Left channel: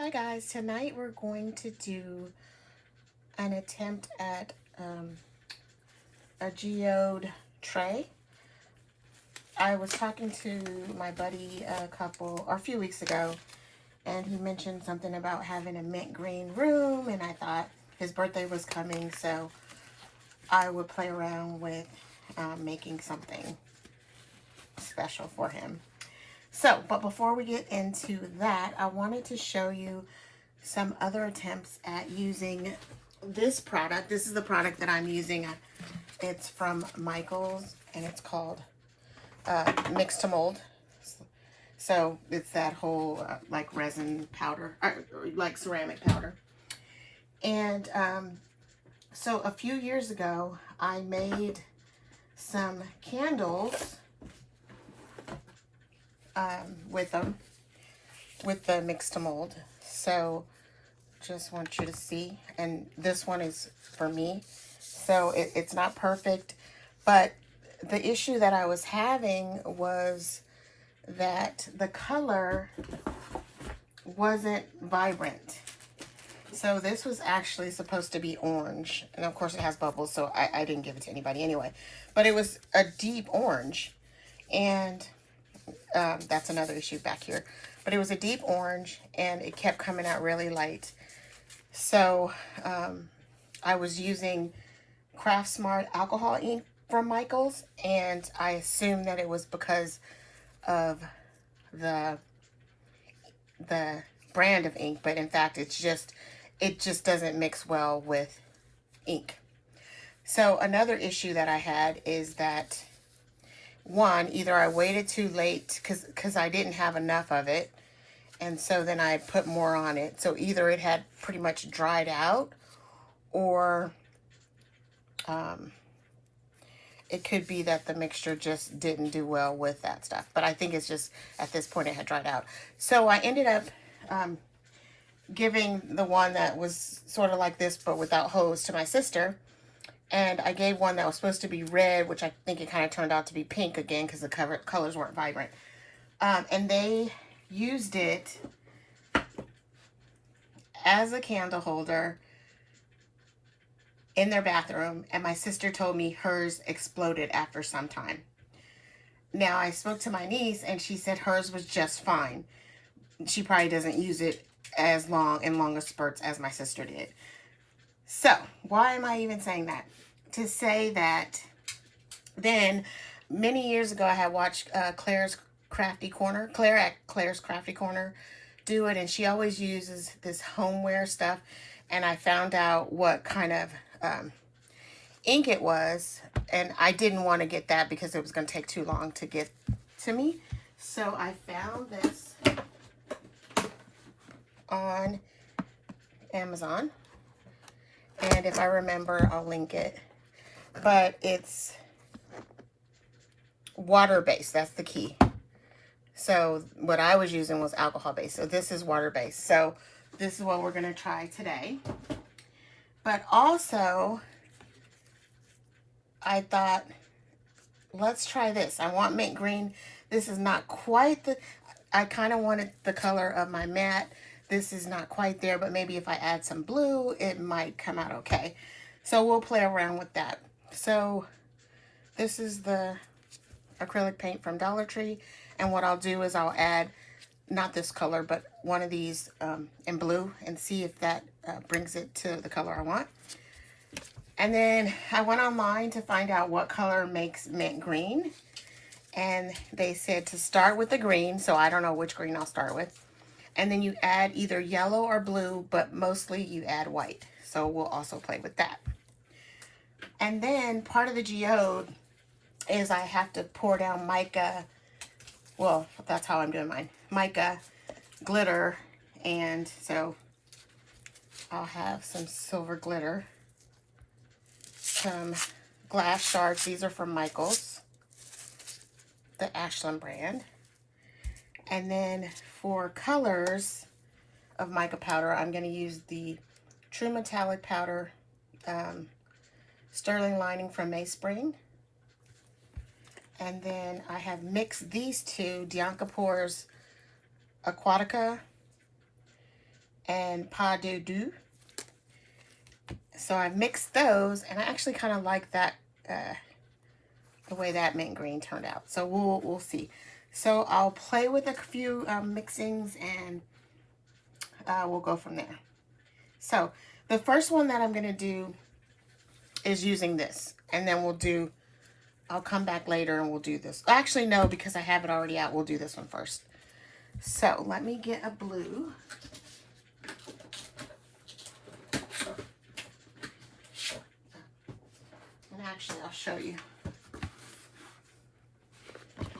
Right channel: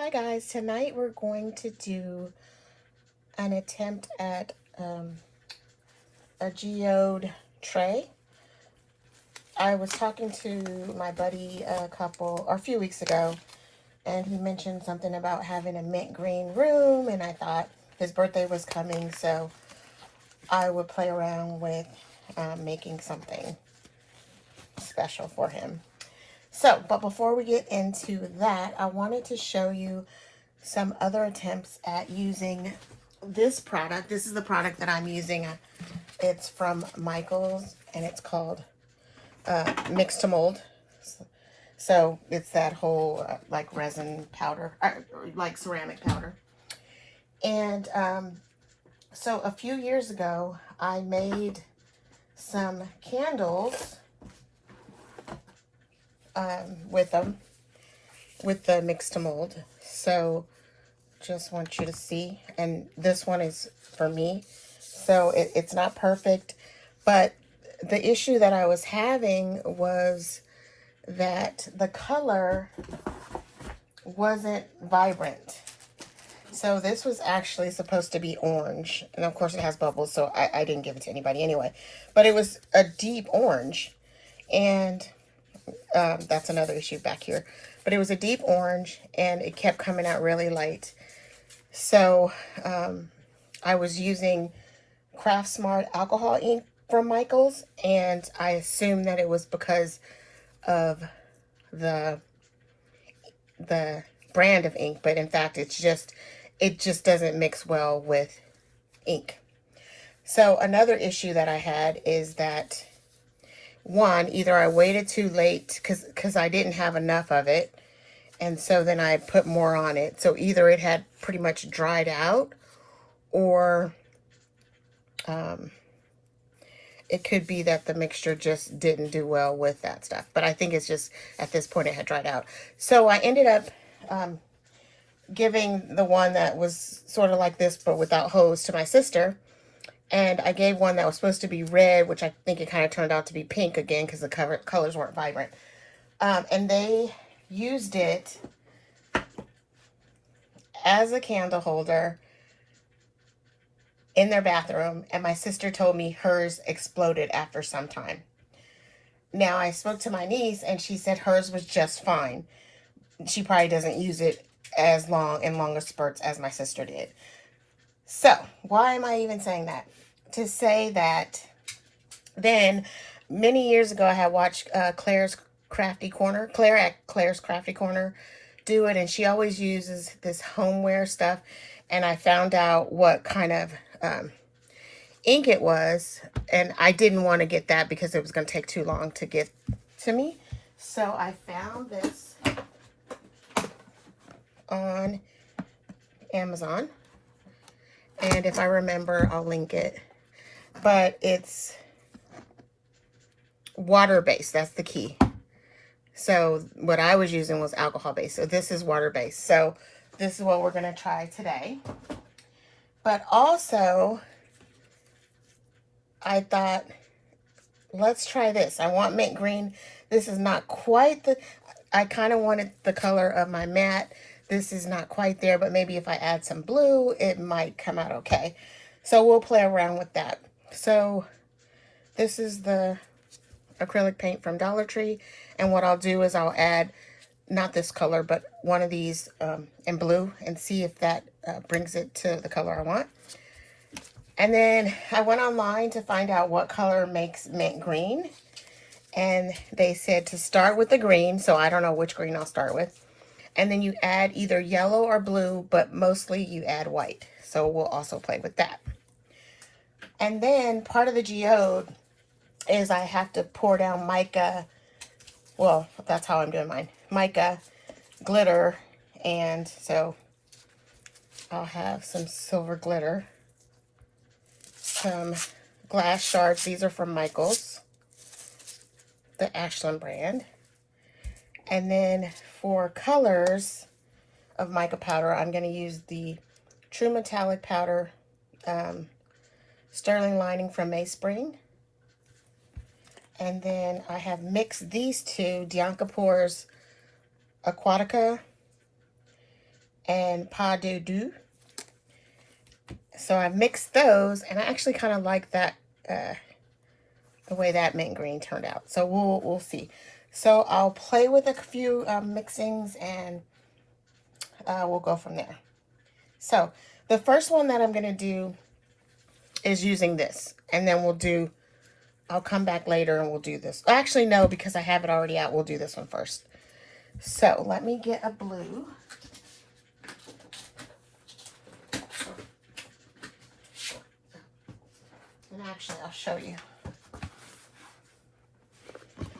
Hi guys, tonight we're going to do an attempt at a geode tray. I was talking to my buddy a few weeks ago, and he mentioned something about having a mint green room, and I thought his birthday was coming, so I would play around with making something special for him. So, but before we get into that, I wanted to show you some other attempts at using this product. This is the product that I'm using. It's from Michaels, and it's called Mix2Mold. So it's that whole like resin powder, like ceramic powder. And so a few years ago, I made some candles with them, with the Mix2Mold. So just want you to see, and this one is for me, so it's not perfect, but the issue that I was having was that the color wasn't vibrant. So this was actually supposed to be orange, and of course it has bubbles, so I didn't give it to anybody anyway, but it was a deep orange, and that's another issue back here. But it was a deep orange, and it kept coming out really light. So I was using Craft Smart alcohol ink from Michaels, and I assumed that it was because of the brand of ink, but in fact it just doesn't mix well with ink. So another issue that I had is that, one, either I waited too late because I didn't have enough of it, and so then I put more on it. So either it had pretty much dried out, or it could be that the mixture just didn't do well with that stuff. But I think it's just at this point it had dried out. So I ended up giving the one that was sort of like this but without hose to my sister. And I gave one that was supposed to be red, which I think it kind of turned out to be pink again because the colors weren't vibrant. And they used it as a candle holder in their bathroom. And my sister told me hers exploded after some time. Now, I spoke to my niece, and she said hers was just fine. She probably doesn't use it as long in longer spurts as my sister did. So, why am I even saying that? To say that then, many years ago, I had watched Claire at Claire's Crafty Corner do it, and she always uses this homeware stuff, and I found out what kind of ink it was, and I didn't want to get that because it was going to take too long to get to me. So I found this on Amazon, and if I remember, I'll link it. But it's water-based. That's the key. So what I was using was alcohol-based. So this is water-based. So this is what we're going to try today. But also, I thought, let's try this. I want mint green. This is not quite I kind of wanted the color of my matte. This is not quite there, but maybe if I add some blue, it might come out okay. So we'll play around with that. So this is the acrylic paint from Dollar Tree, and what I'll do is I'll add, not this color, but one of these in blue, and see if that brings it to the color I want. And then I went online to find out what color makes mint green, and they said to start with the green, so I don't know which green I'll start with. And then you add either yellow or blue, but mostly you add white. So we'll also play with that. And then part of the geode is I have to pour down mica. Well, that's how I'm doing mine. Mica, glitter, and so I'll have some silver glitter. Some glass shards. These are from Michaels, the Ashland brand. And then for colors of mica powder, I'm going to use the True Metallic Powder Sterling Lining from Mayspring. And then I have mixed these two, Dianca Pours Aquatica and Pas de Deux. So I mixed those, and I actually kind of like that, the way that mint green turned out. So we'll see. So I'll play with a few mixings, and we'll go from there. So the first one that I'm going to do is using this, and then I'll come back later and we'll do this. Actually, no, because I have it already out. We'll do this one first. So let me get a blue. And actually, I'll show you.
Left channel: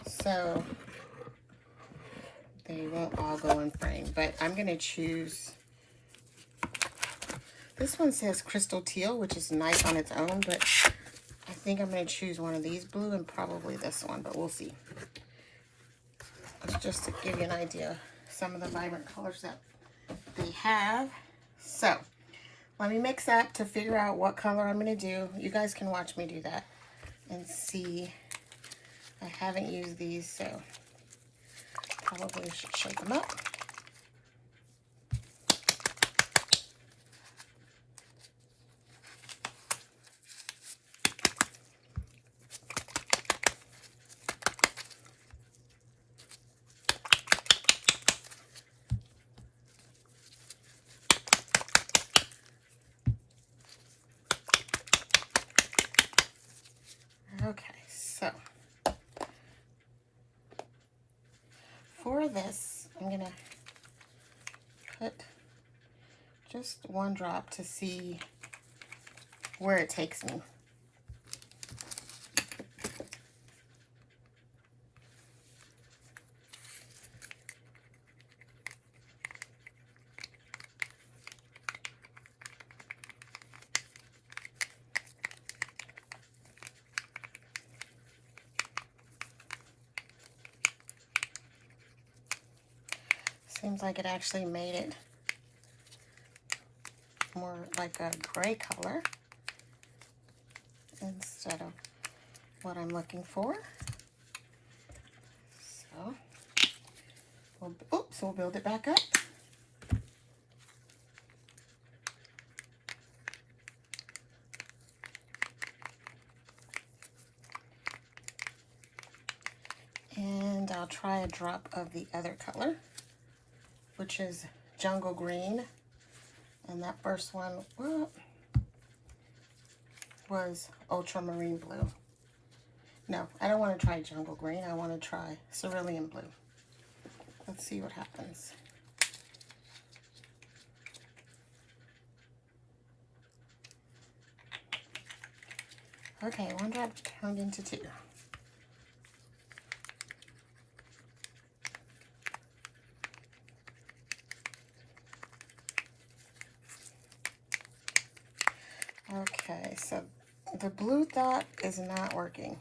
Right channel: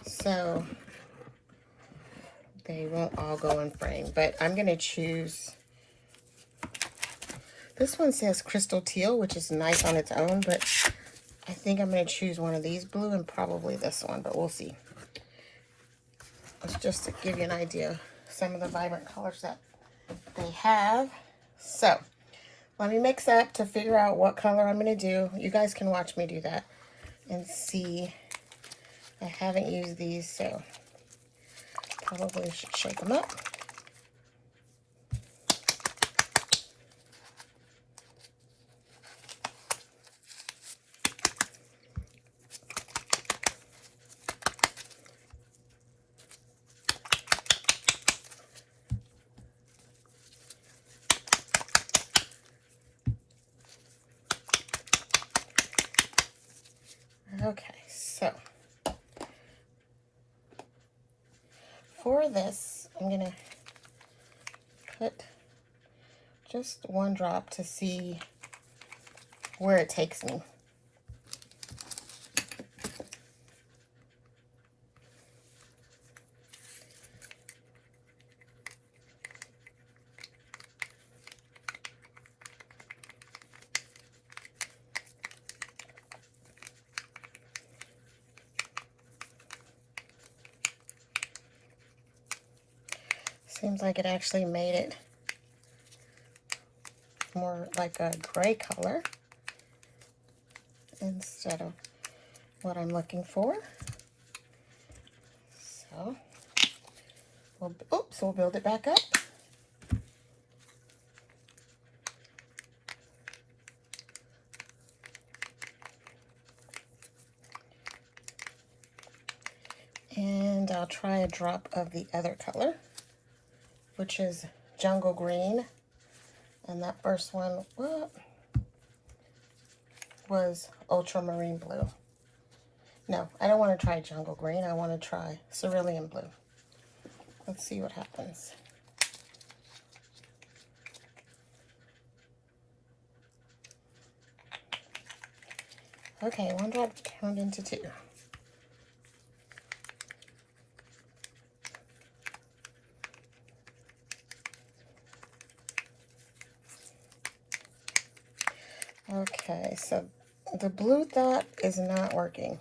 So they won't all go in frame, but I'm going to choose. This one says Crystal Teal, which is nice on its own, but I think I'm going to choose one of these blue and probably this one, but we'll see. It's just to give you an idea of some of the vibrant colors that they have. So let me mix up to figure out what color I'm going to do. You guys can watch me do that and see. I haven't used these, so probably should shake them up. Okay, so for this, I'm going to put just one drop to see where it takes me. Seems like it actually made it more like a gray color instead of what I'm looking for. So we'll build it back up. And I'll try a drop of the other color, which is Jungle Green. And that first one was Ultramarine Blue. No, I don't want to try Jungle Green. I want to try Cerulean Blue. Let's see what happens. Okay, one drop turned into two. Okay, so the blue dot is not working.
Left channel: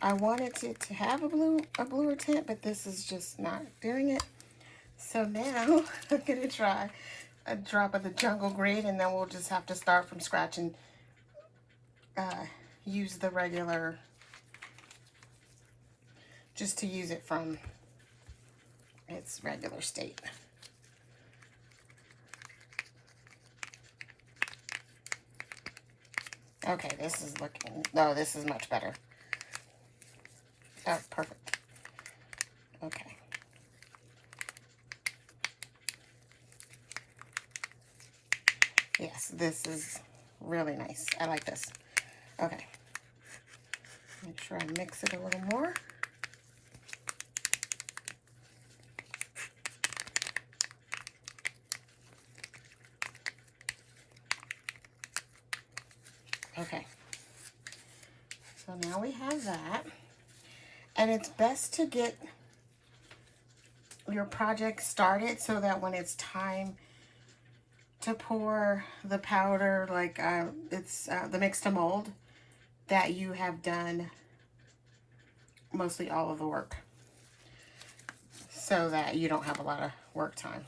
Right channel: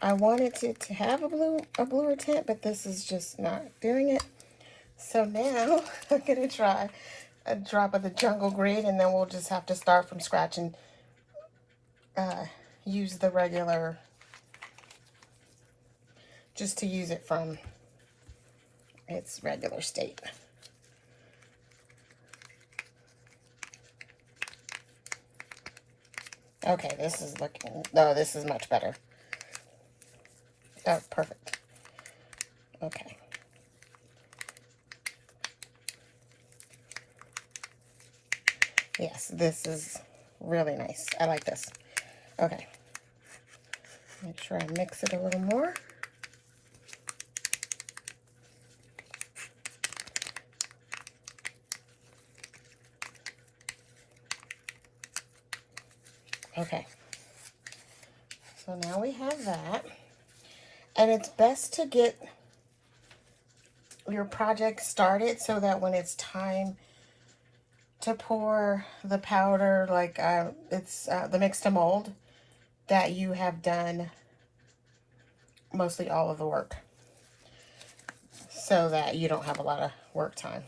I wanted to have a bluer tint, but this is just not doing it. So now I'm gonna try a drop of the Jungle Green, and then we'll just have to start from scratch and use the regular, just to use it from its regular state. Okay, this is looking, no, this is much better. That's perfect. Okay. Yes, this is really nice. I like this. Okay. Make sure I mix it a little more. Okay. So now we have that. And it's best to get your project started so that when it's time to pour the powder, like it's the Mix2Mold, that you have done mostly all of the work, so that you don't have a lot of work time.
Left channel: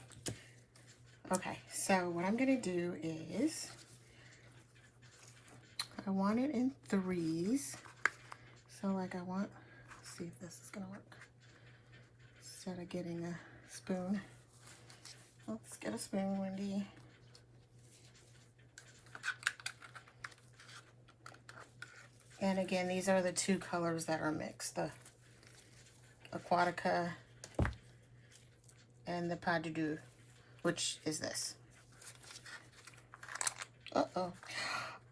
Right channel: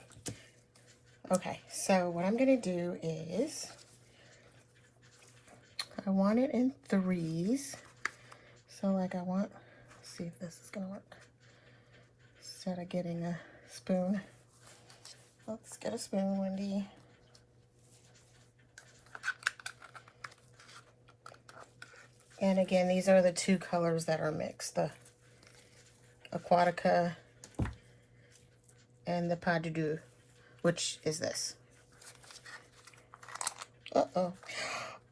Okay, so what I'm going to do is, I want it in threes. So like I want, let's see if this is going to work. Instead of getting a spoon, let's Get a spoon, Wendy. And again, these are the two colors that are mixed, the Aquatica and the Pas de Deux, which is this. Uh-oh.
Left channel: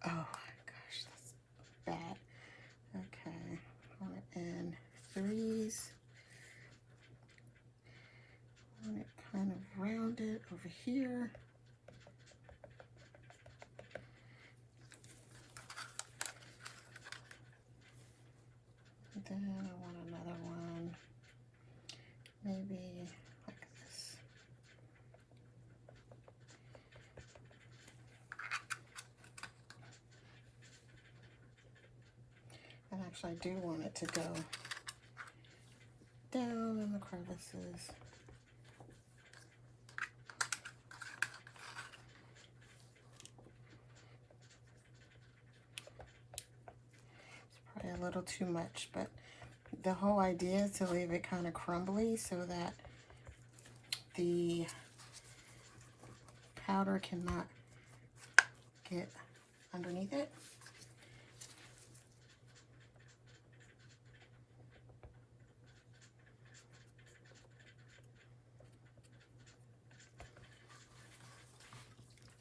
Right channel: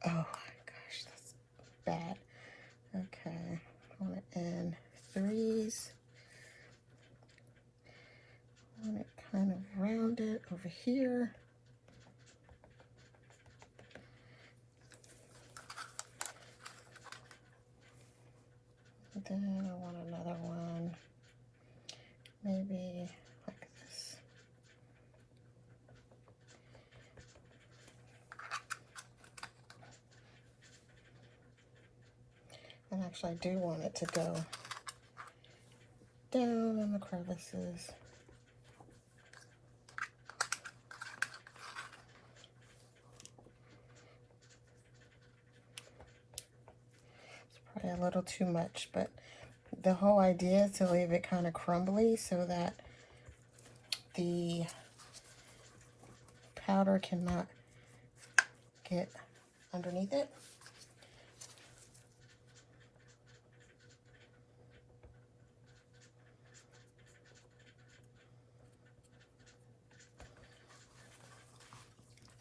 Oh my gosh, that's bad. Okay, I want it in threes. I want it kind of rounded over here. Then I want another one, maybe like this. And actually I do want it to go down in the crevices. It's probably a little too much, but the whole idea is to leave it kind of crumbly so that the powder cannot get underneath it.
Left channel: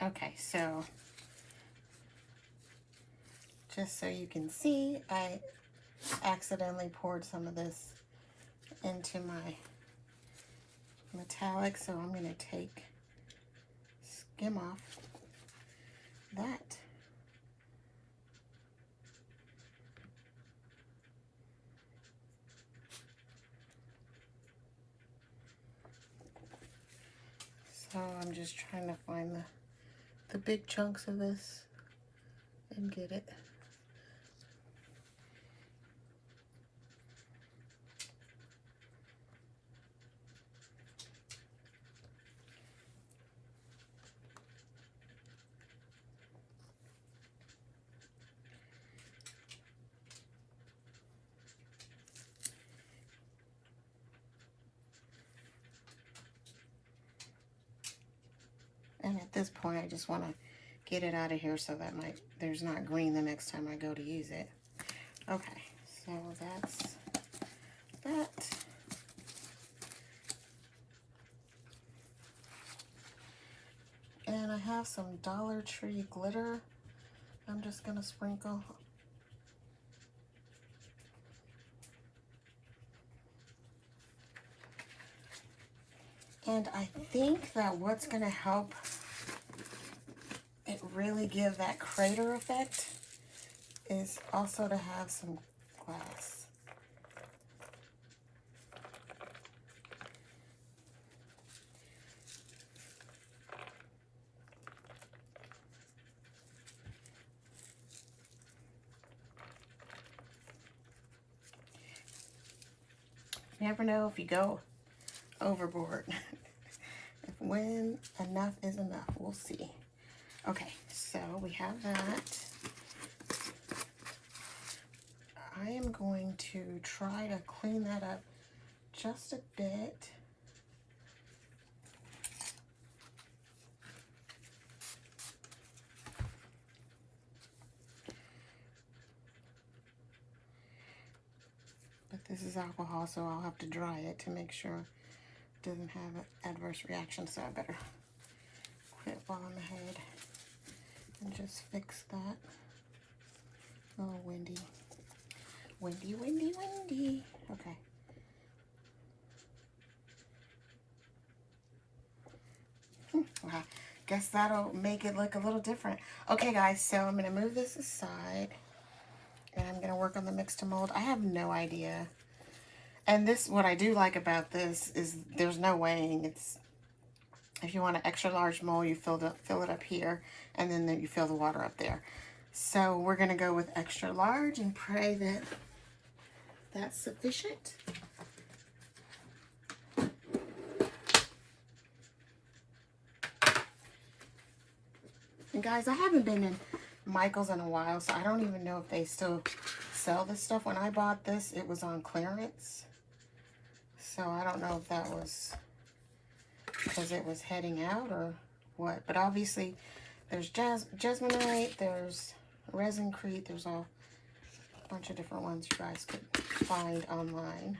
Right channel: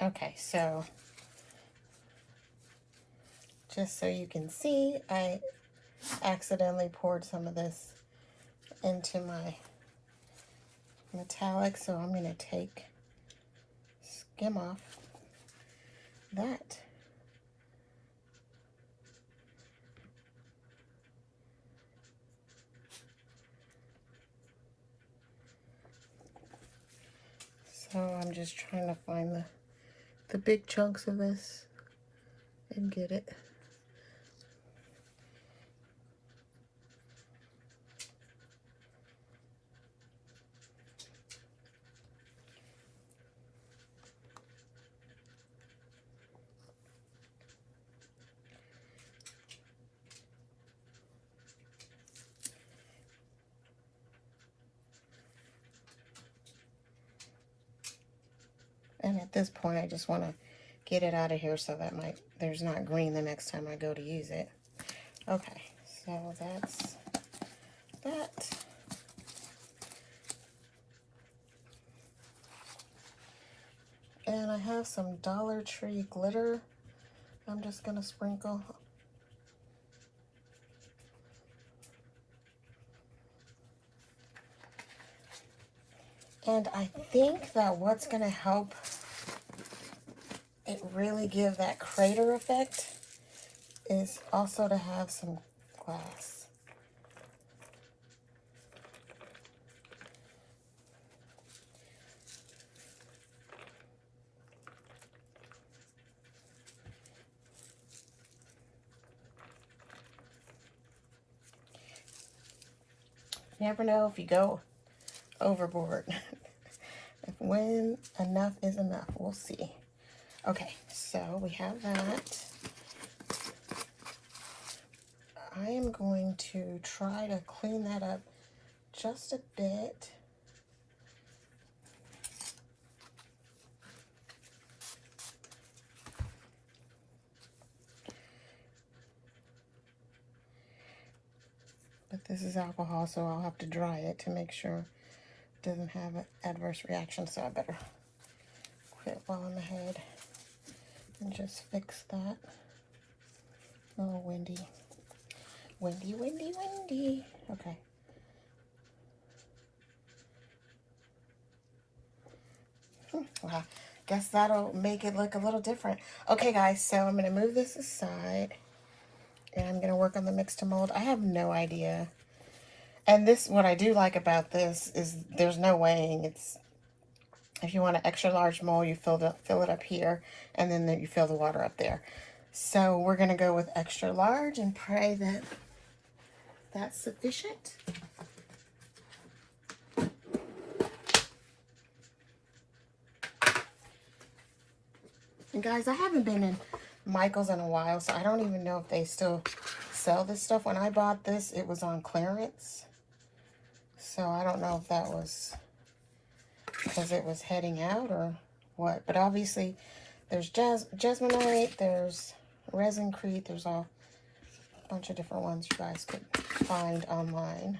Okay, so just so you can see, I accidentally poured some of this into my metallic, so I'm going to skim off that. So I'm just trying to find the big chunks of this and get it. And at this point, I just want to get it out of here so that there's not green the next time I go to use it. Okay, so that's that. And I have some Dollar Tree glitter I'm just going to sprinkle. And I think that what's going to help it really give that crater effect is also to have some glass. You never know if you go overboard. When enough is enough, we'll see. Okay, so we have that. I am going to try to clean that up just a bit. But this is alcohol, so I'll have to dry it to make sure it doesn't have an adverse reaction, so I better quit while I'm ahead and just fix that. Oh, windy. Windy, windy, windy. Okay. Well, guess that'll make it look a little different. Okay, guys, so I'm going to move this aside. And I'm going to work on the Mix2Mold. I have no idea. And this, what I do like about this is there's no weighing. It's, if you want an extra large mold, you fill it up here, and then you fill the water up there. So we're going to go with extra large and pray that that's sufficient. And guys, I haven't been in Michael's in a while, so I don't even know if they still sell this stuff. When I bought this, it was on clearance. So I don't know if that was because it was heading out or what. But obviously there's Jasmonite, there's Resincrete, there's a bunch of different ones you guys could find online.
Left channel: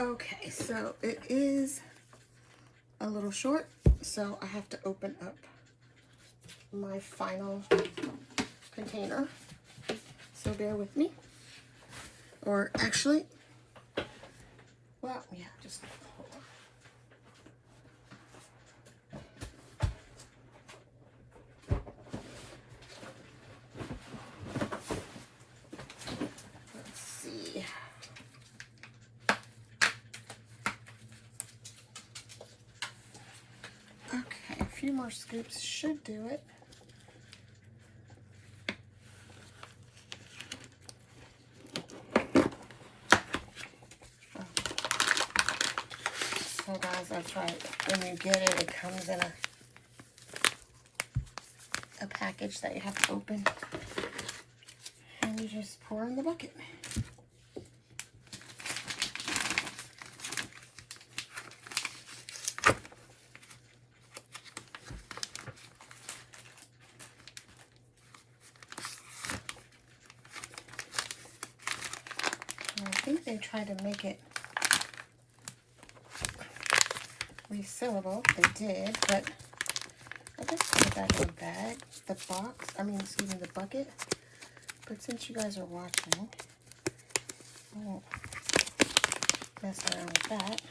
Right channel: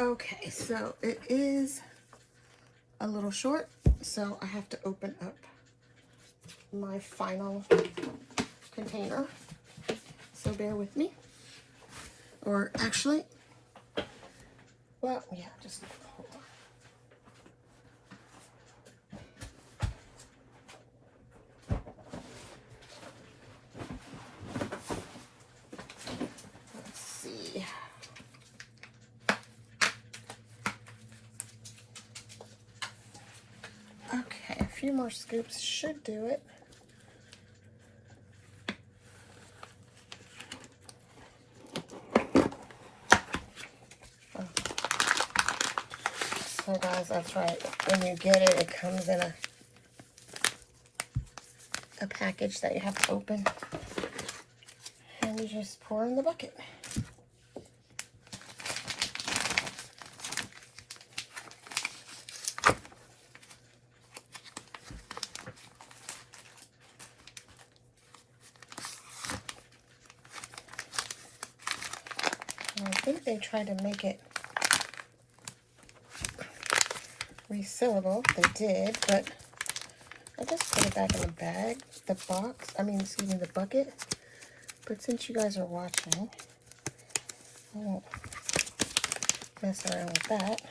Okay, so it is a little short, so I have to open up my final container. So bear with me. Or actually, well, yeah, just hold on. Let's see. Okay, a few more scoops should do it. So guys, that's right. When you get it, it comes in a package that you have to open. And you just pour in the bucket. And I think they tried to make it resealable. They did, but I just put it back in the bag, the box, excuse me, the bucket. But since you guys are watching, I won't mess around with that.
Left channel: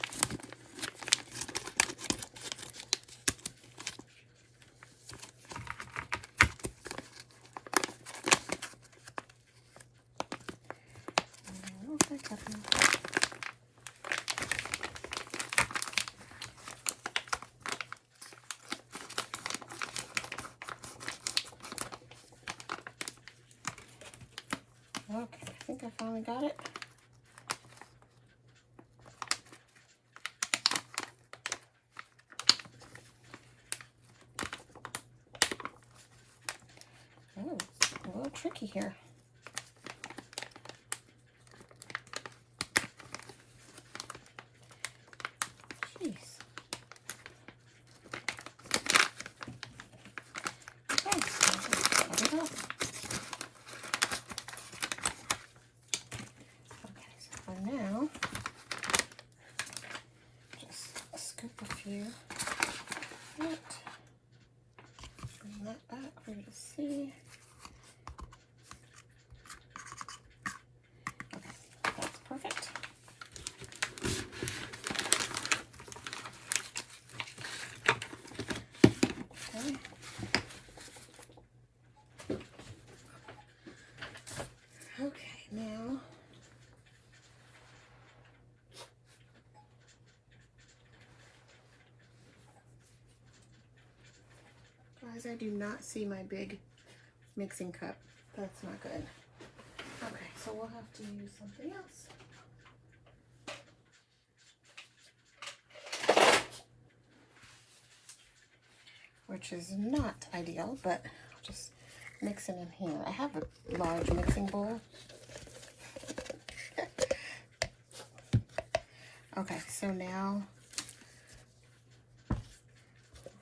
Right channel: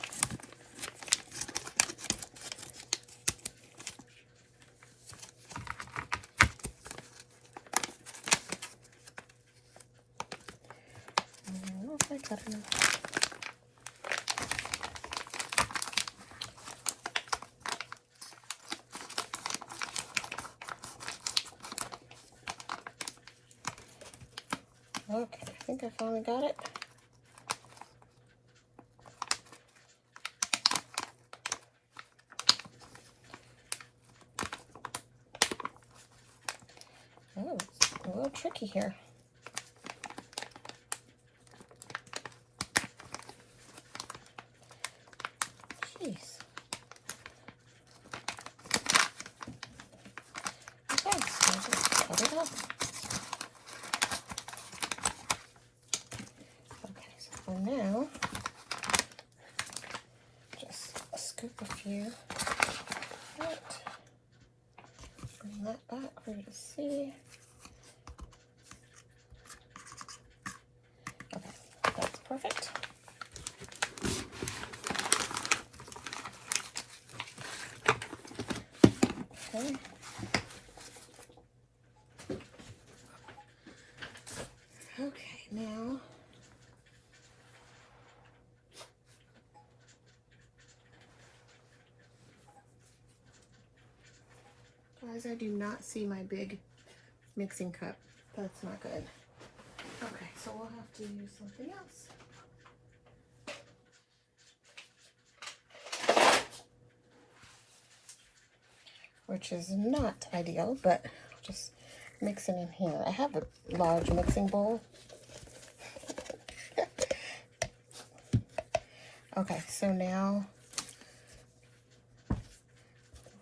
Okay, I think I finally got it. Oh, it's a little tricky here. Jeez. Okay, I'll just cut it off. Now, just scoop a few. Right. Bring that back for you to see. Okay, that's perfect. Okay. Okay, now. Guys, I do not see my big mixing cup. That's not good. Okay, so we'll have to use something else. Which is not ideal, but just mix it in here. I have a large mixing bowl. Okay, so now,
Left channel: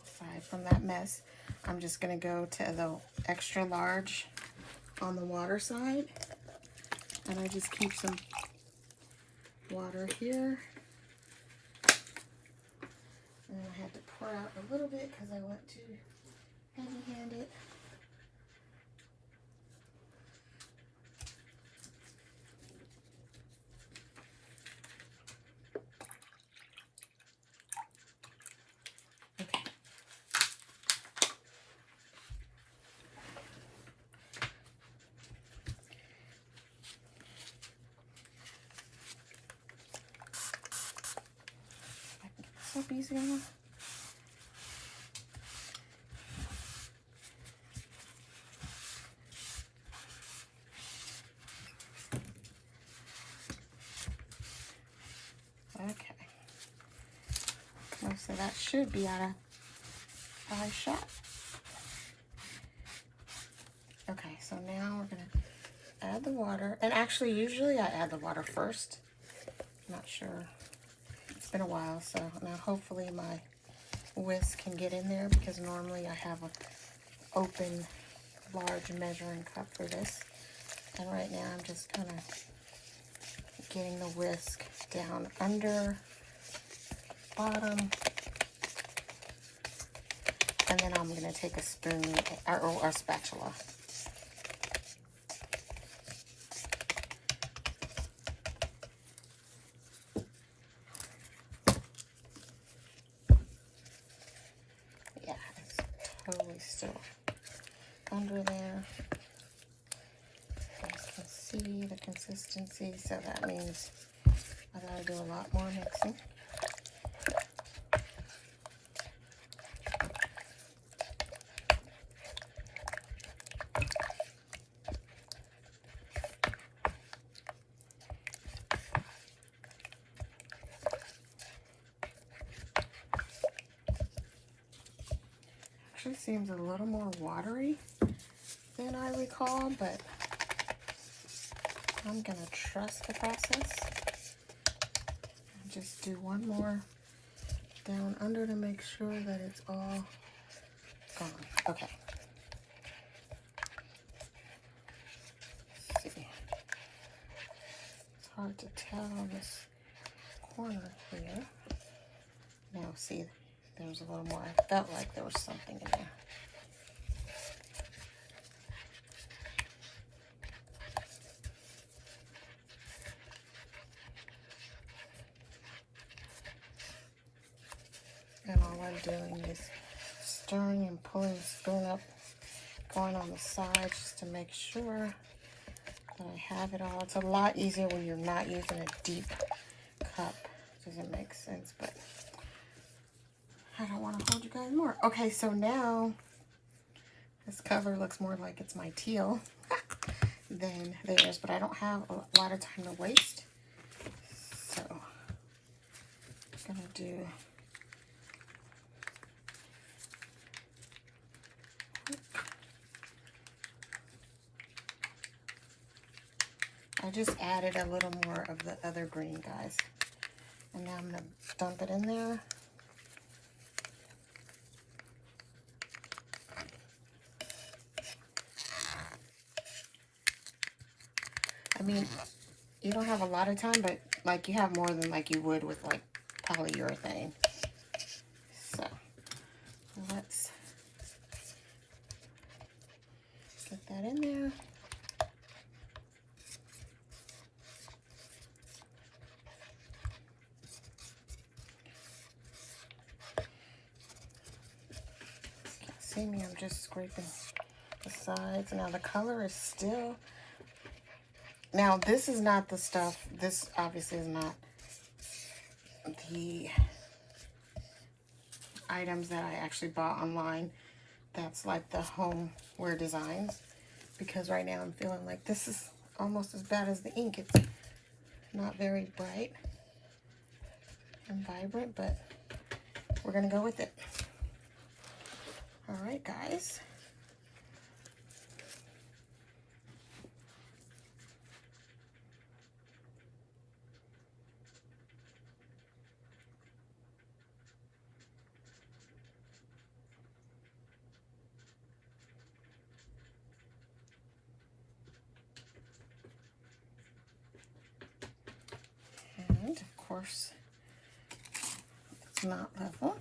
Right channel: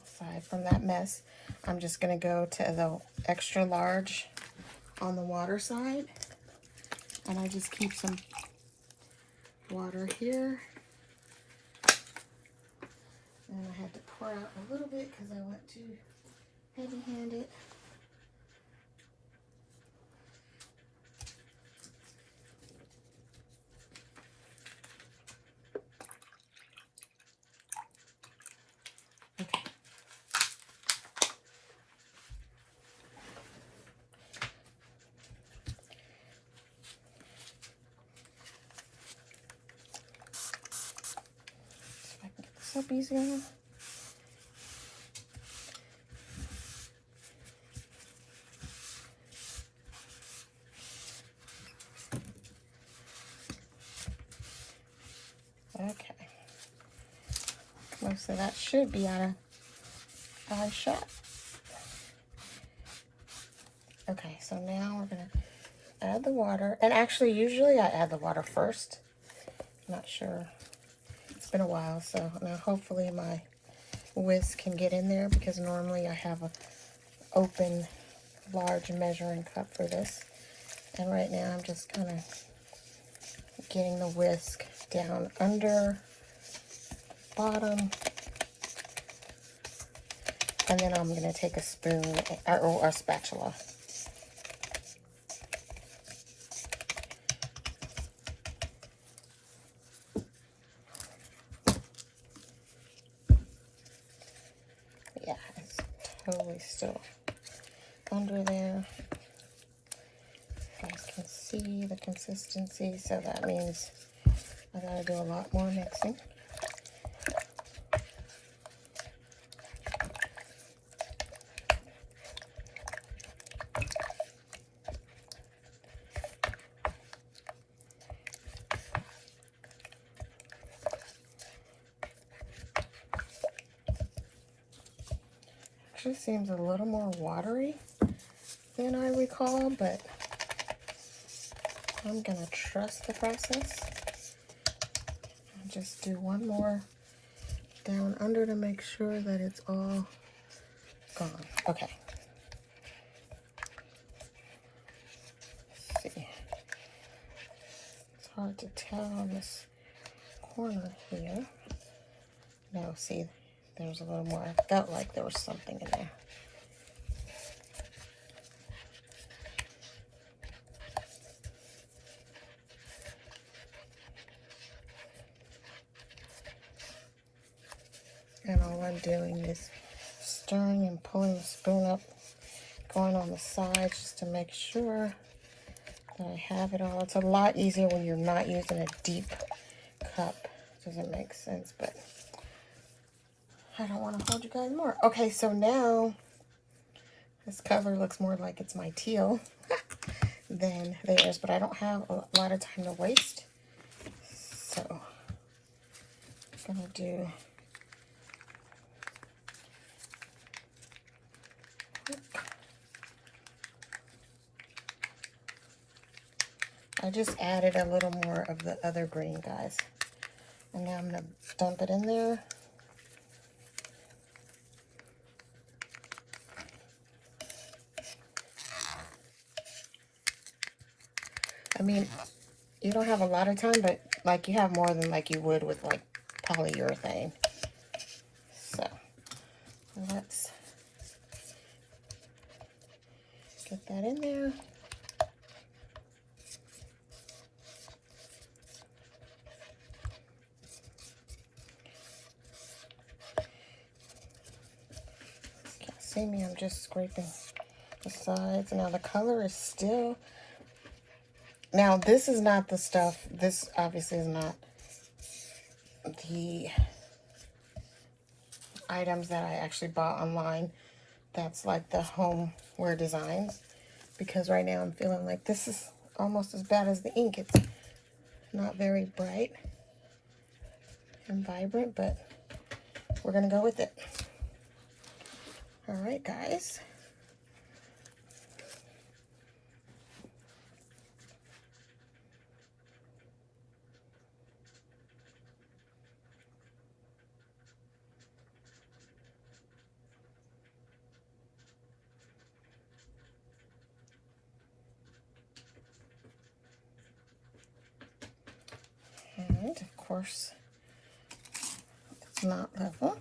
aside from that mess, I'm just going to go to the extra large on the water side, and I just keep some water here, and I had to pour out a little bit because I want to heavy-hand it. Up easy enough. so that should be out of 5 shot. Okay, so now we're gonna add the water. And actually, usually I add the water first. I'm not sure. It's been a while, so now hopefully my whisk can get in there, because normally I have an open large measuring cup for this. And right now I'm just kind of getting the whisk down under, bottom, and then I'm going to take a spoon or a spatula. Yeah, it's totally still under there. You guys can see the consistency, so that means I gotta do a lot more mixing. Actually seems a little more watery than I recall, but I'm gonna trust the process. And just do one more down under to make sure that it's all gone. Okay. Let's see. It's hard to tell on this corner here. Now see, there's a little more. I felt like there was something in there. And all I'm doing is stirring and pulling the spoon up, going on the sides just to make sure that I have it all. It's a lot easier when you're not using a deep cup. Doesn't make sense, but I don't want to hold you guys more. Okay, so now this cover looks more like it's my teal than theirs, but I don't have a lot of time to waste. So I'm gonna do I just added a little more of the other green, guys. And now I'm gonna dump it in there. I mean, you don't have a lot of time, but like you have more than like you would with like polyurethane. So let's get that in there. Can't see me, I'm just scraping the sides. Now the color is still, now this is not the stuff, this obviously is not the items that I actually bought online. That's like the homeware designs, because right now I'm feeling like this is almost as bad as the ink. It's not very bright and vibrant, but we're gonna go with it. All right, guys. And of course, it's not level.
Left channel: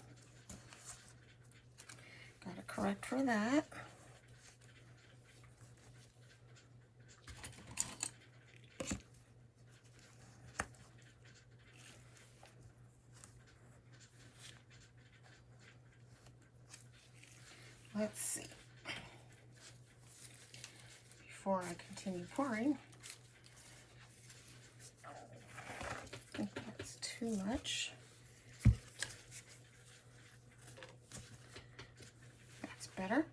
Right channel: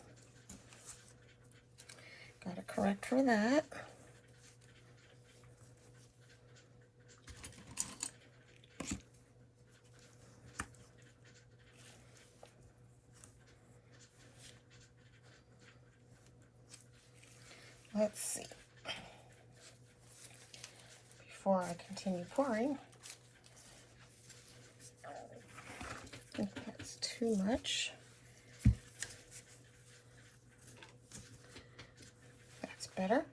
Gotta correct for that. Let's see. Before I continue pouring, I think that's too much. That's better.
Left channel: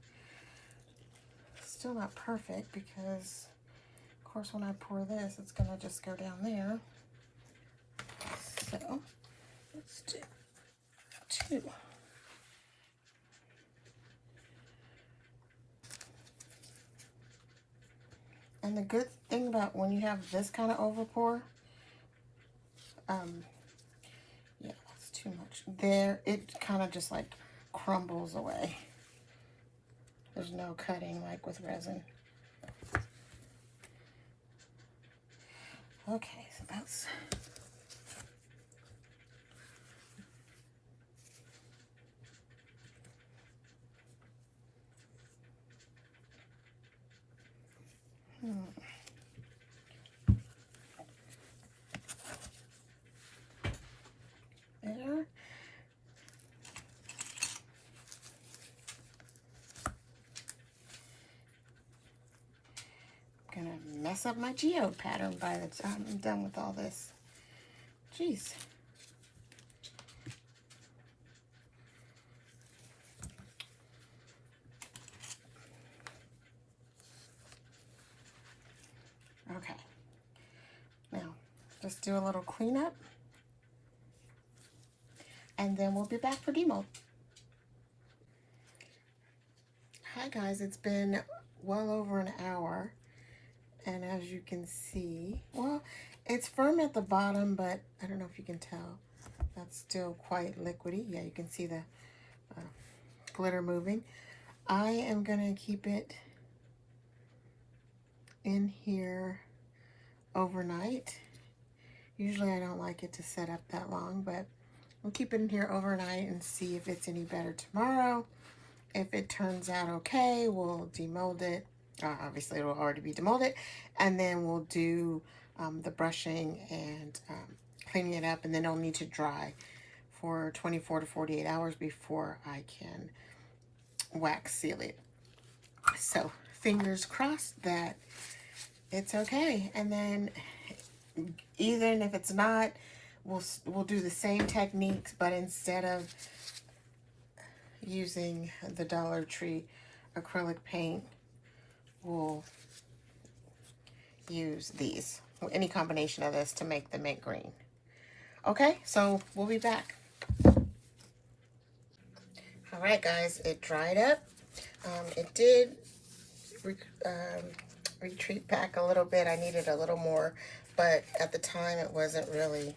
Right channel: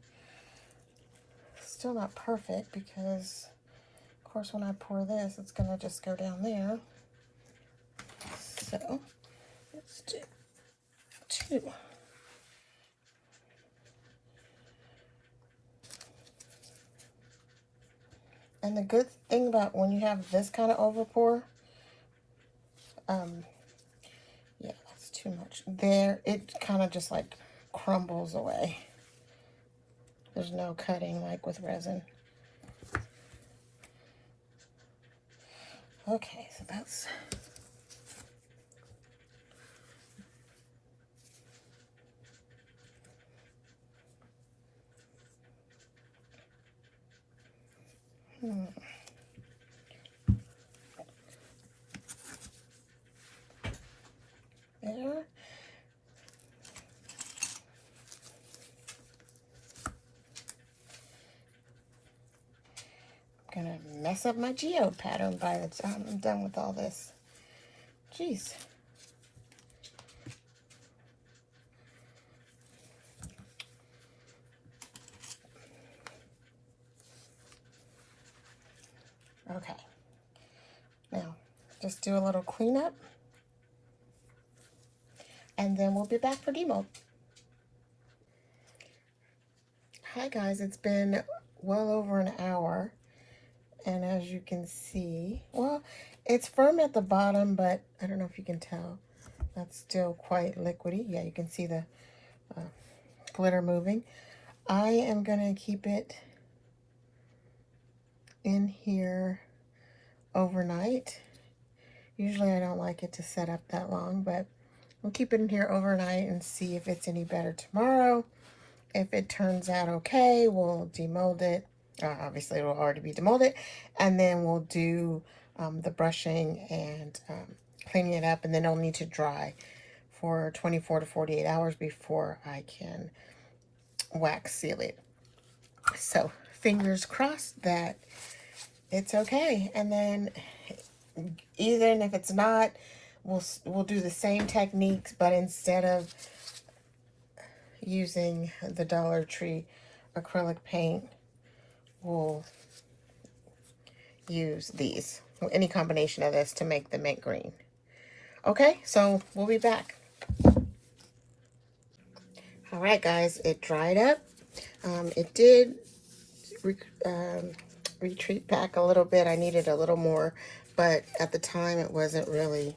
Still not perfect because, of course, when I pour this, it's going to just go down there. So let's do 2 And the good thing about when you have this kind of overpour, yeah, that's too much. There, it kind of just like crumbles away. There's no cutting like with resin. Okay, so that's... There. I'm gonna mess up my geode pattern by the time I'm done with all this. Jeez. Okay. Now, just do a little cleanup. And then we'll be back for demold. Hi guys, it's been well over an hour. And as you can see, well, it's firm at the bottom, but I don't know if you can tell. That's still quite liquidy. Yeah, you can see the glitter moving. I am gonna keep it in here overnight. Usually I don't like it to set up that long, but we'll keep it in here overnight and see if it's any better tomorrow. If it turns out okay, we'll demold it. Obviously, it will already be demolded. And then we'll do the brushing and cleaning it up. And then it'll need to dry for 24 to 48 hours before I can wax seal it. So, fingers crossed that it's okay. And then, even if it's not, we'll do the same techniques, but instead of using the Dollar Tree acrylic paint, we'll use these, any combination of this to make the mint green. Okay, so we'll be back. All right, guys, it dried up. It did retreat back a little bit. I needed a little more, but at the time it wasn't really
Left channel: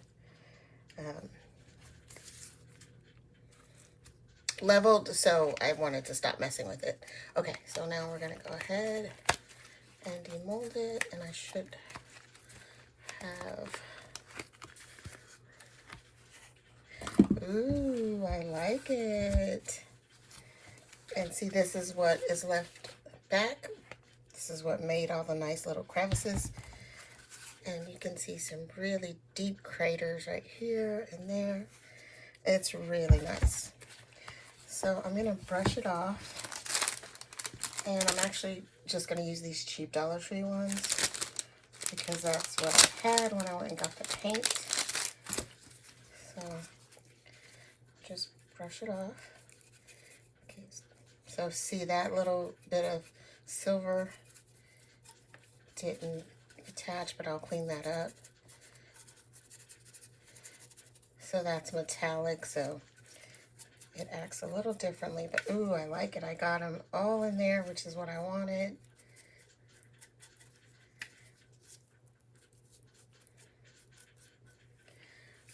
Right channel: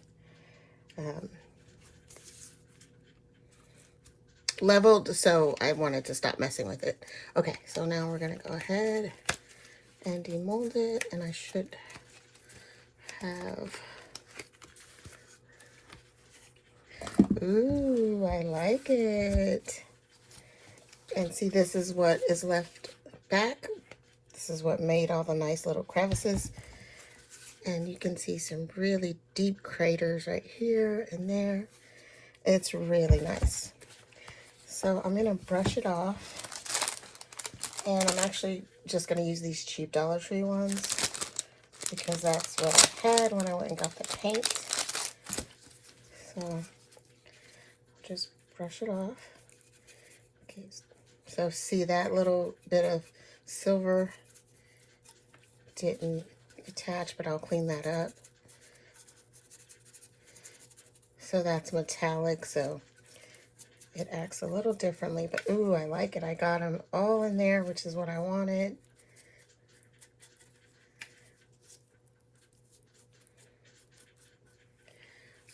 leveled, so I wanted to stop messing with it. Okay, so now we're gonna go ahead and demold it, and I should have... Ooh, I like it. And see, this is what is left back. This is what made all the nice little crevices. And you can see some really deep craters right here and there. It's really nice. So I'm going to brush it off. And I'm actually just going to use these cheap Dollar Tree ones, because that's what I had when I went and got the paint. So just brush it off. Okay, so see that little bit of silver didn't attach, but I'll clean that up. So that's metallic, so it acts a little differently, but ooh, I like it. I got them all in there, which is what I wanted.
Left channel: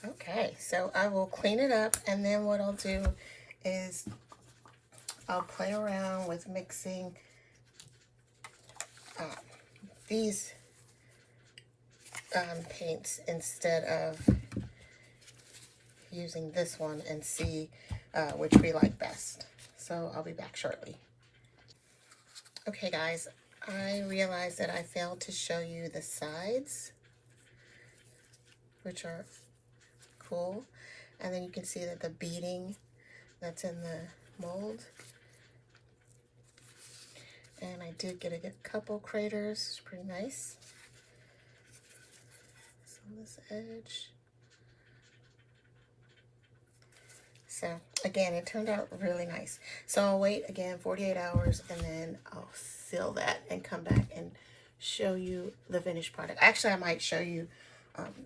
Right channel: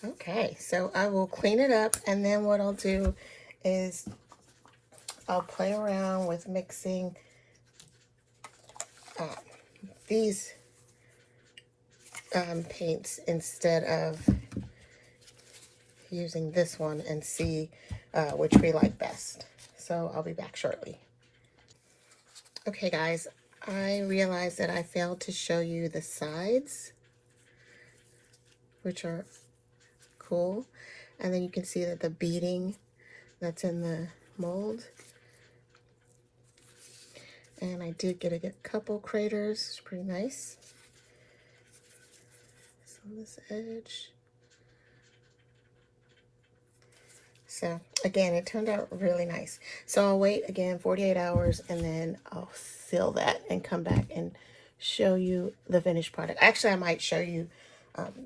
Okay, so I will clean it up, and then what I'll do is I'll play around with mixing these paints instead of using this one, and see which we like best. So I'll be back shortly. Okay guys, I realized that I failed to show you the sides, which are cool. And then you can see that the beading that's in the mold. And I did get a couple craters. It's pretty nice. So on this edge. So again, it turned out really nice. So I'll wait again 48 hours, and then I'll seal that and come back and show you the finished product. Actually, I might show you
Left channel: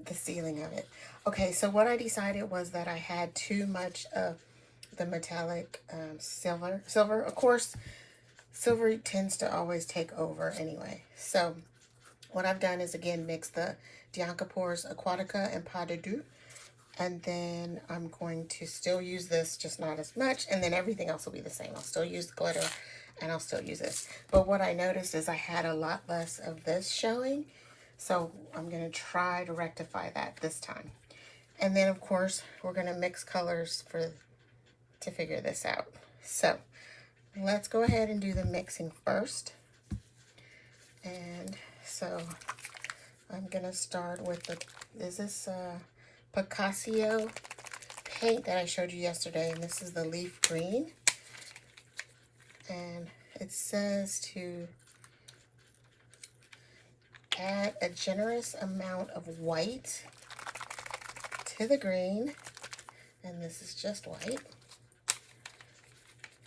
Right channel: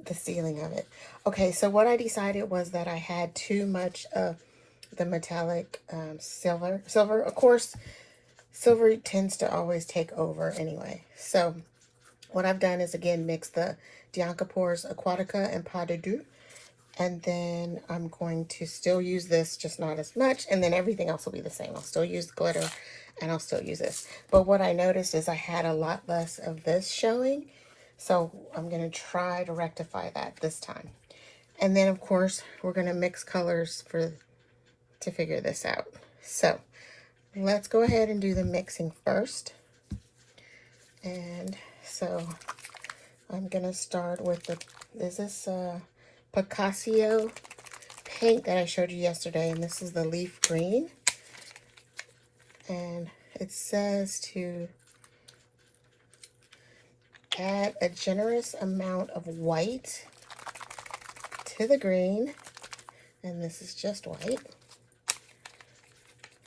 the sealing of it. Okay, so what I decided was that I had too much of the metallic silver. Of course, silver tends to always take over anyway. So what I've done is, again, mix the Diancopores Aquatica and Pas de Deux. And then I'm going to still use this, just not as much. And then everything else will be the same. I'll still use the glitter and I'll still use this. But what I noticed is I had a lot less of this showing. So I'm going to try to rectify that this time. And then, of course, we're going to mix colors to figure this out. So let's go ahead and do the mixing first. And so I'm going to start with this Piccassio paint that I showed you yesterday. And this is the leaf green. And it says to add a generous amount of white to the green, and this is just white.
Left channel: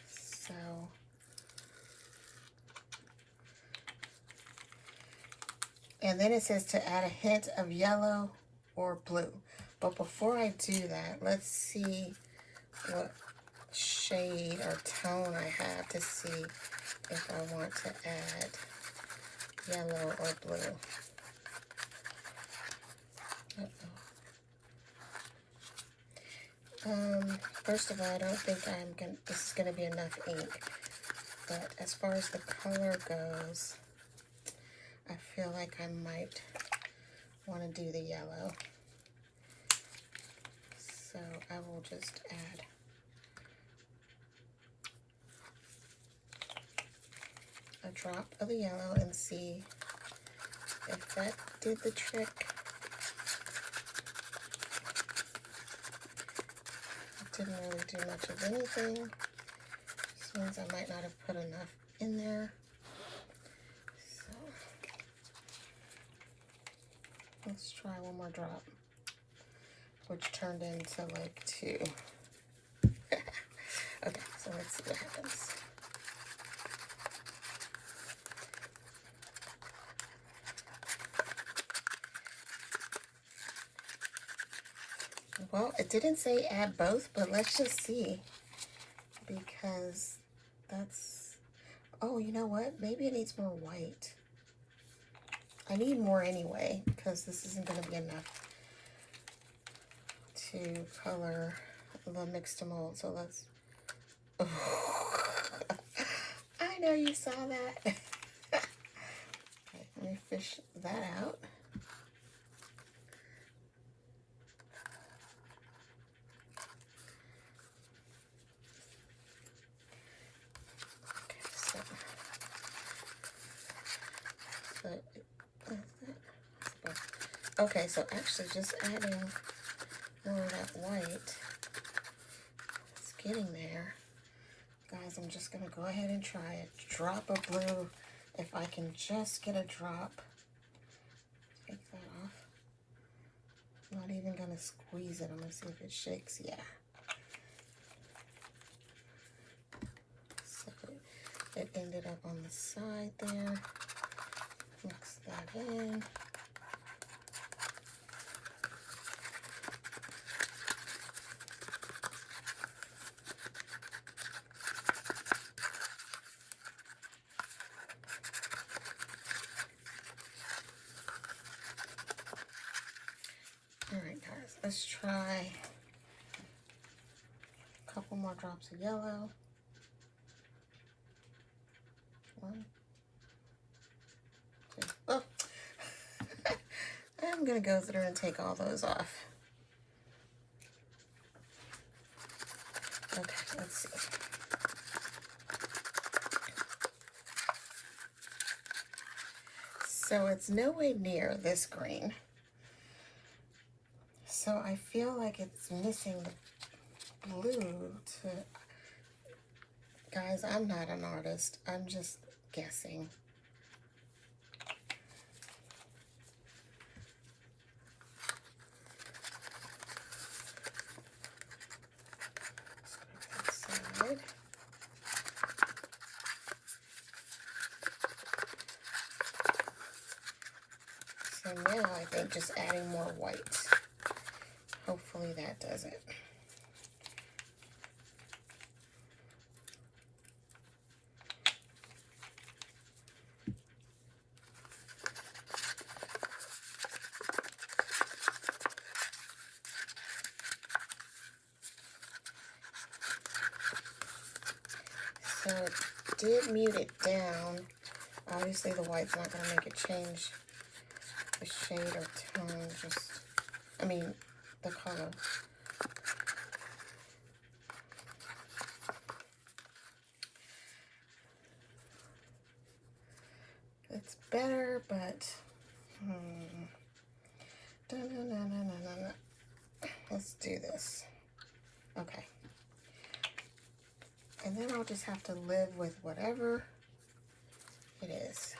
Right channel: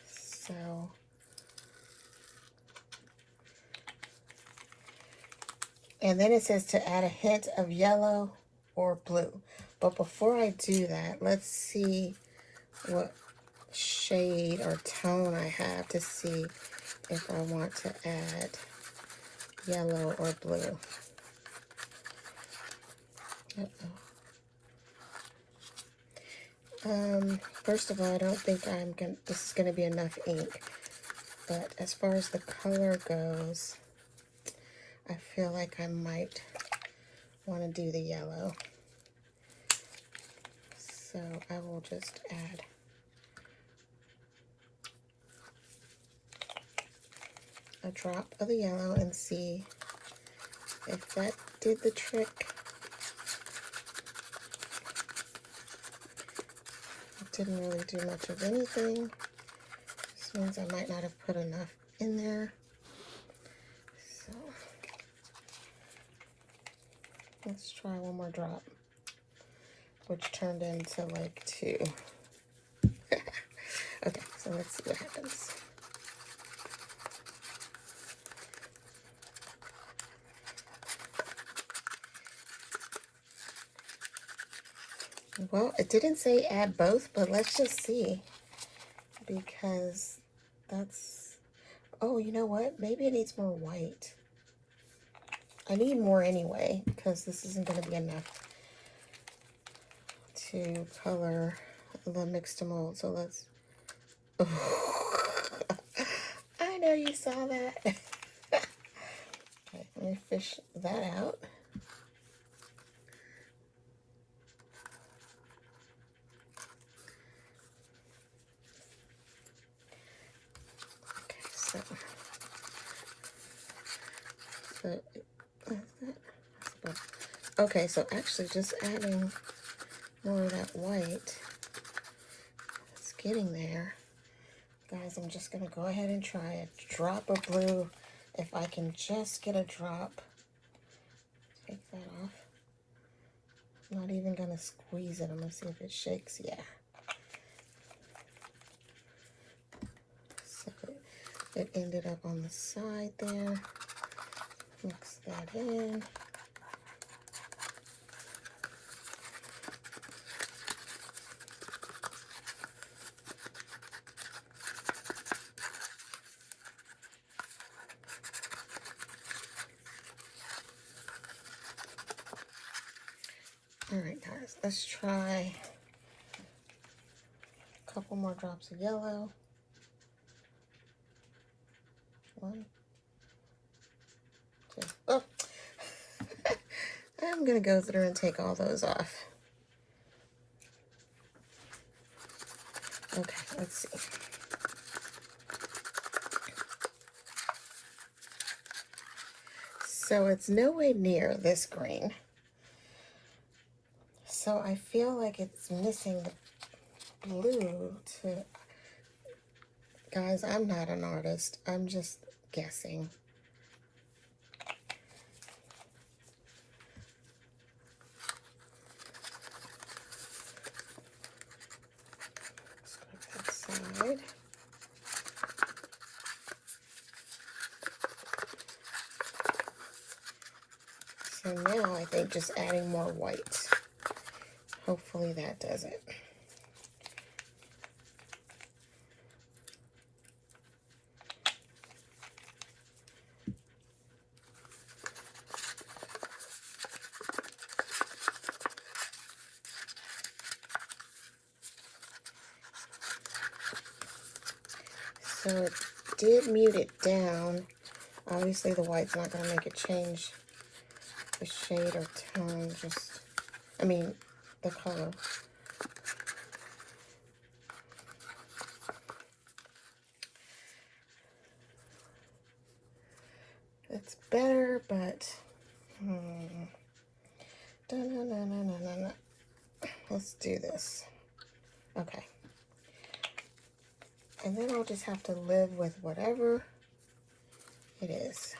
So and then it says to add a hint of yellow or blue. But before I do that, let's see what shade or tone I have to see if I want to add yellow or blue. First of all, I don't think this is gonna be enough ink. But as far as the color goes, I feel like I might want to do the yellow. So I will just add a drop of the yellow and see if that did the trick. It didn't really do much of anything. This means I might not have put enough in there. So let's try one more drop, which turned into like 2. Okay, so let's see what happens. Well, it didn't say add both, but let's just see, because that's, oh, you know what? Maybe it needs more white. I need more anyway, because this isn't going to be enough to color the Mix2Mold. So let's, I know you saw that. Okay, let me fish that out. Okay, so actually just adding more of that white, it's getting there. Guys, I'm just going to go ahead and try a drop of blue. If I can just get a drop. Take that off. I'm not even going to squeeze it. I'm going to see if it shakes. Yeah. So it ended up on the side there. Mix that in. All right, guys, let's try a couple more drops of yellow. 1, 2. Oh, I'm gonna go through and take all those off. Okay, let's see. So it's nowhere near this green. So I feel like it's missing blue to, guys, I'm not an artist. I'm just guessing. Side. So now I think just adding more white. Hopefully that does it. So it did mute it down. Obviously the white's not going to make it change the shade or tone, the color. It's better, but let's do this. Okay. And then I'll just have to live with whatever it is.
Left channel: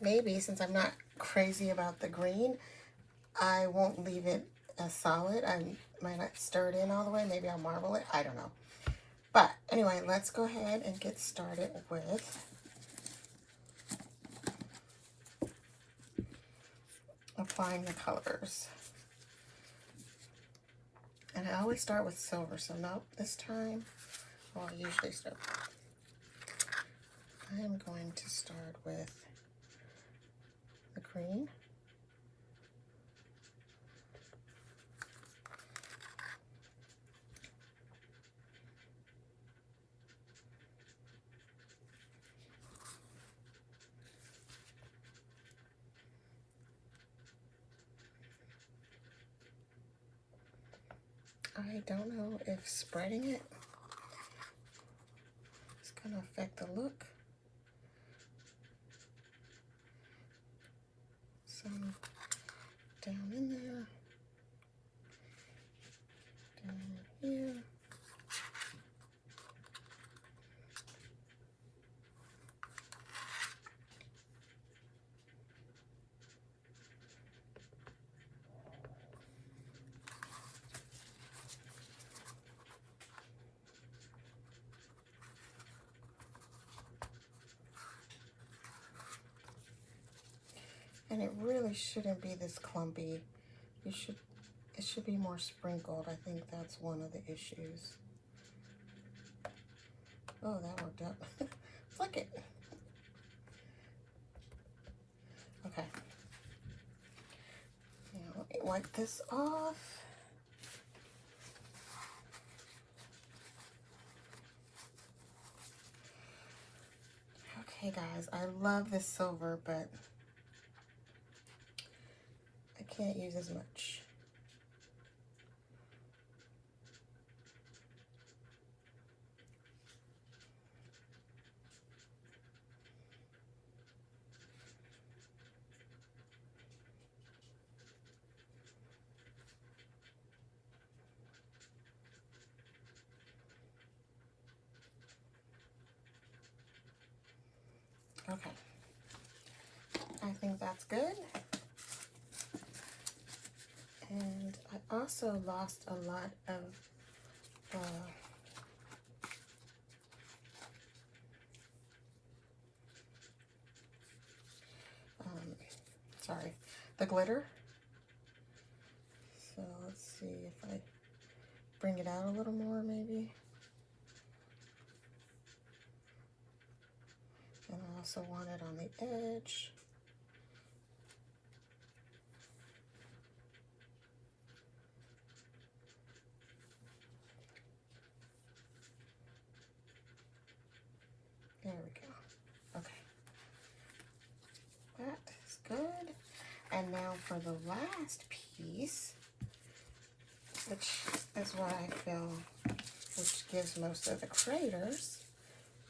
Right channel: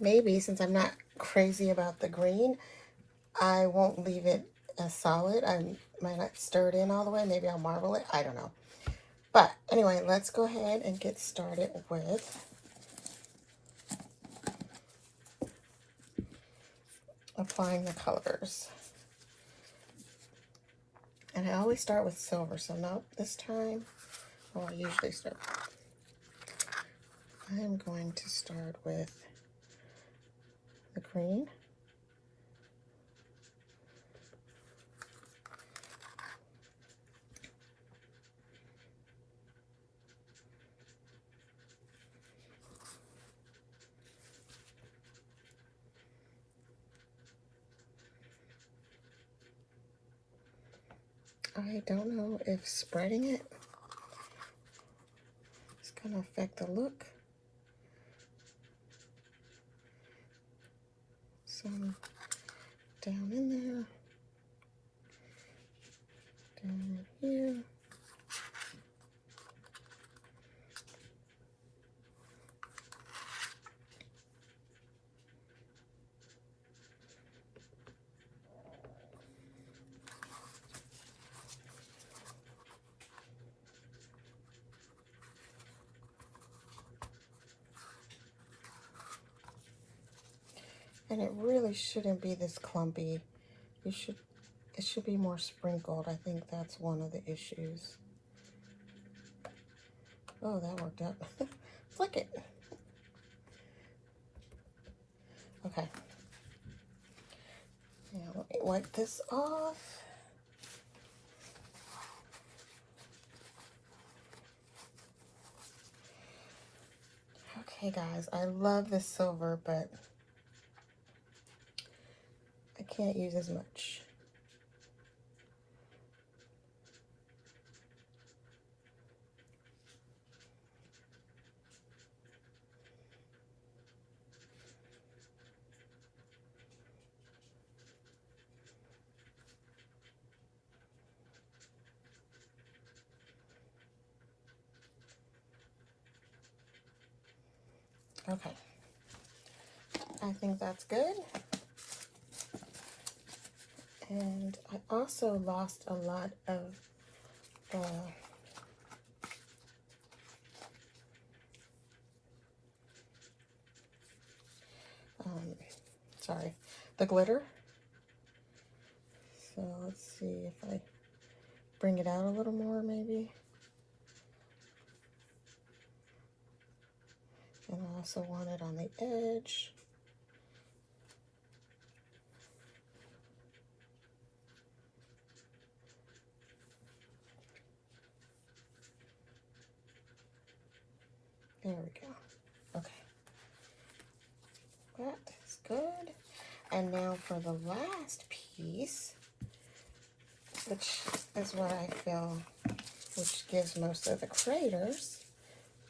Maybe, since I'm not crazy about the green, I won't leave it as solid. I might not stir it in all the way. Maybe I'll marble it. I don't know. But anyway, let's go ahead and get started with applying the colors. And I always start with silver, so not this time. Well, I usually start. I am going to start with the green. I don't know if spreading it is going to affect the look. Some down in there, down here. And it really shouldn't be this clumpy. It should be more sprinkled. I think that's one of the issues. Oh, that worked out. Flick it. Okay. Now let me wipe this off. Okay, guys, I love this silver, but I can't use as much. Okay, I think that's good. And I also lost a lot of the the glitter. So let's see if I bring it out a little more maybe. And I also want it on the edge. There we go. Okay. That is good. And now for the last piece, which is what I feel, which gives most of the craters,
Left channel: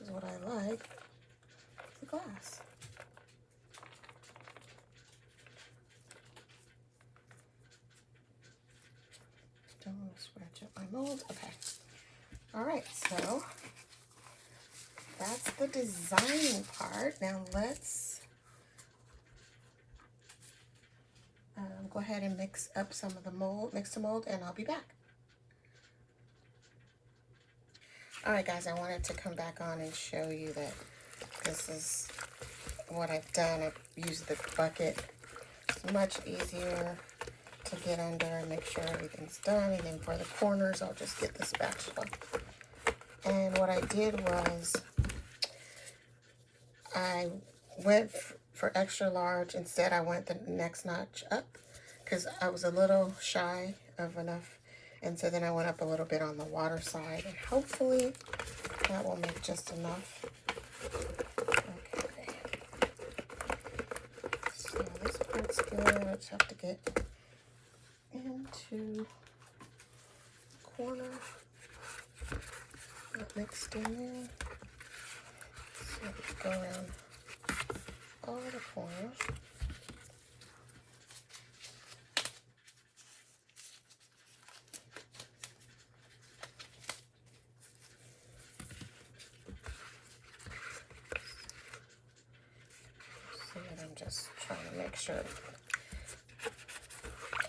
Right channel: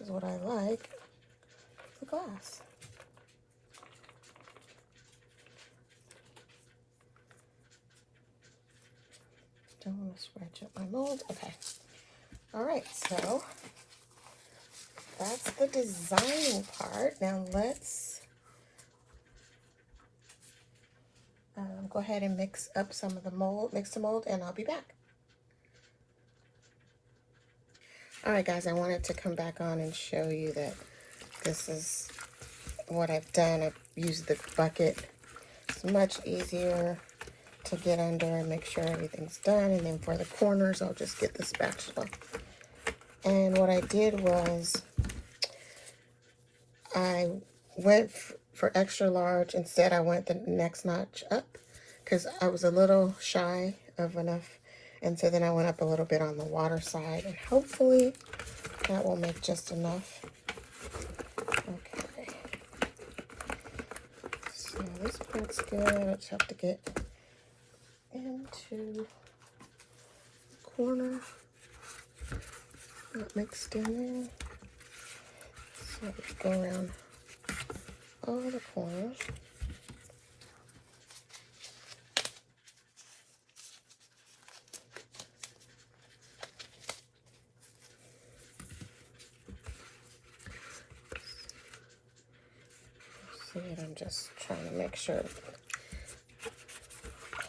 is what I like, the glass. Don't want to scratch up my mold. Okay. All right, so that's the designing part. Now let's go ahead and mix up some of the mold, Mix2Mold, and I'll be back. All right, guys, I wanted to come back on and show you that this is what I've done. I've used the bucket. It's much easier to get under and make sure everything's done. And then for the corners, I'll just get the spatula. And what I did was I went for extra large. Instead, I went the next notch up because I was a little shy of enough. And so then I went up a little bit on the water side, and hopefully that will make just enough. Okay. So this part's good. I just have to get into the corner. Not mixed in there. So let's go around all the corners. See, I'm just trying to make sure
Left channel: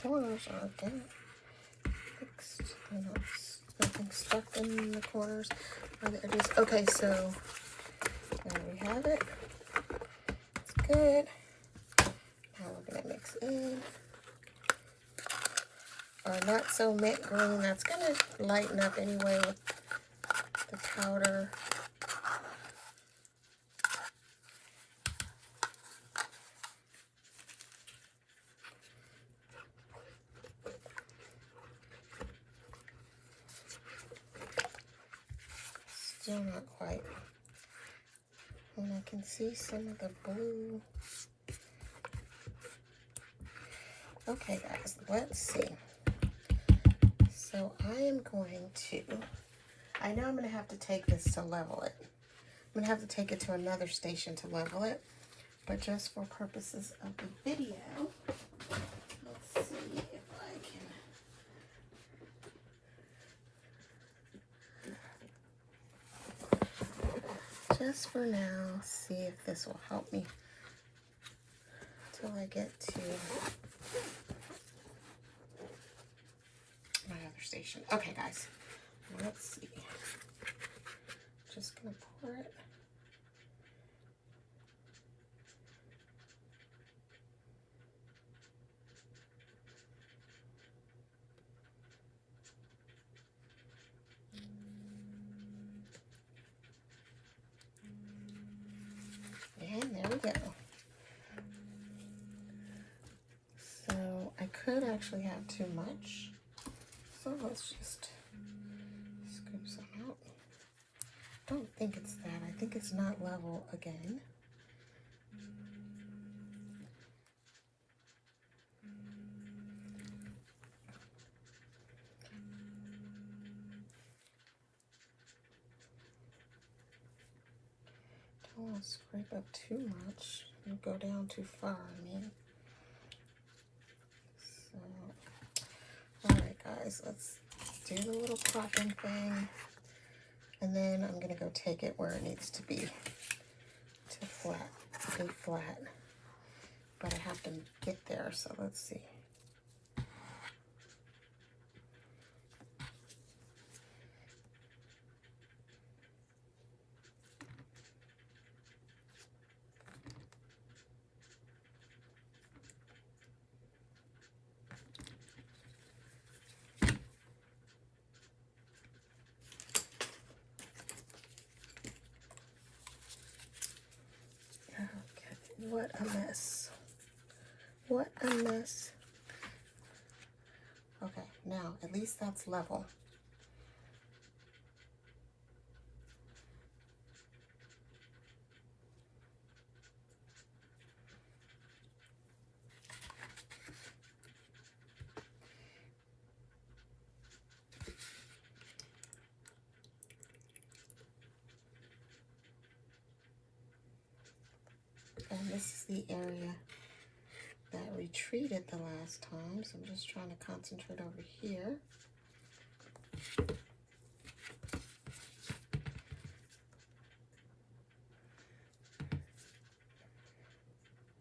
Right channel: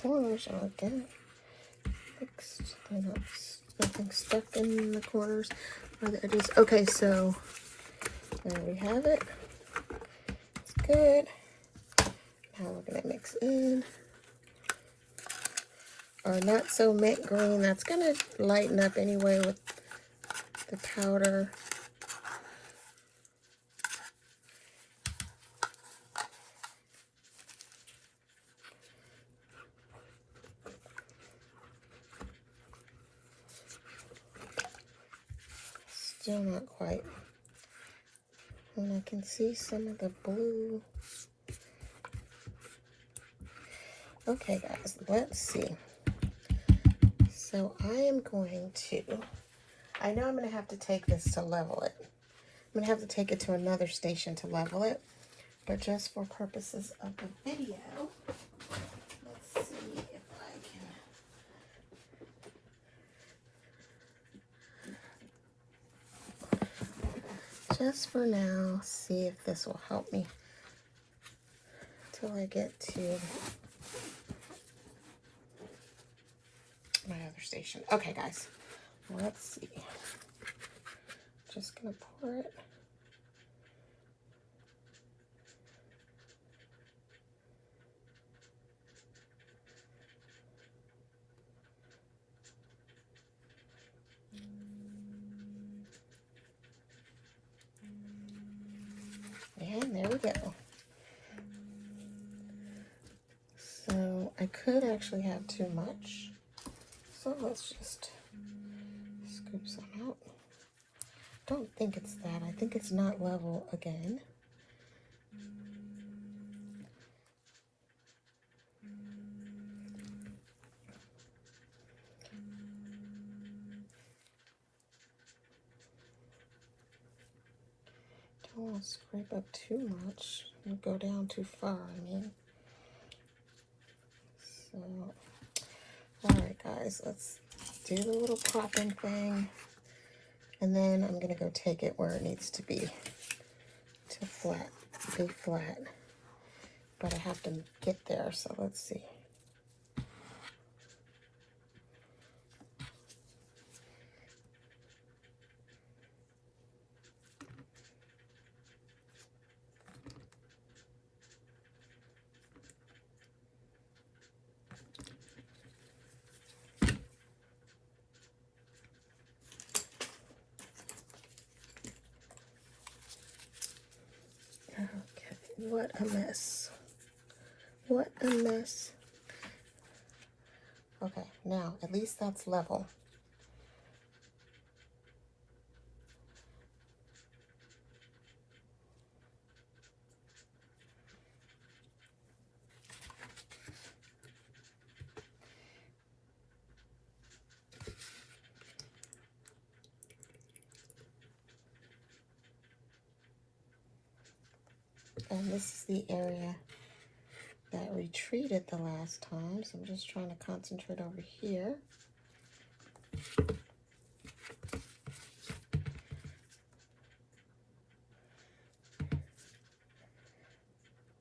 corners aren't getting mixed. They're not nothing stuck in the corners or the edges. Okay, so there we have it. It's good. Now we're gonna mix in our not so mint green. That's gonna lighten up anyway with the powder. Still not quite. And I can see some of the blue. Okay, guys, let's see. So I am going to, I know I'm going to have to take this to level it. I'm going to have to take it to another station to level it. But just for purposes of the video, let's see if I can, just for now, see if this will help me till I get to my other station. Okay, guys, let's see. Just gonna pour it. And there we go. So I could actually have too much. So let's just scoop some out. Don't think it's that. I think it's not level again. Don't want to scrape up too much and go down too far, I mean. So, alright guys, let's do the little popping thing. And then I'm going to go take it where it needs to be, to flat, be flat. But I have to get there, so let's see. Okay, what a mess. What a mess. Okay, now at least that's level. And this is the area that retreated the last time, so I'm just trying to concentrate over here.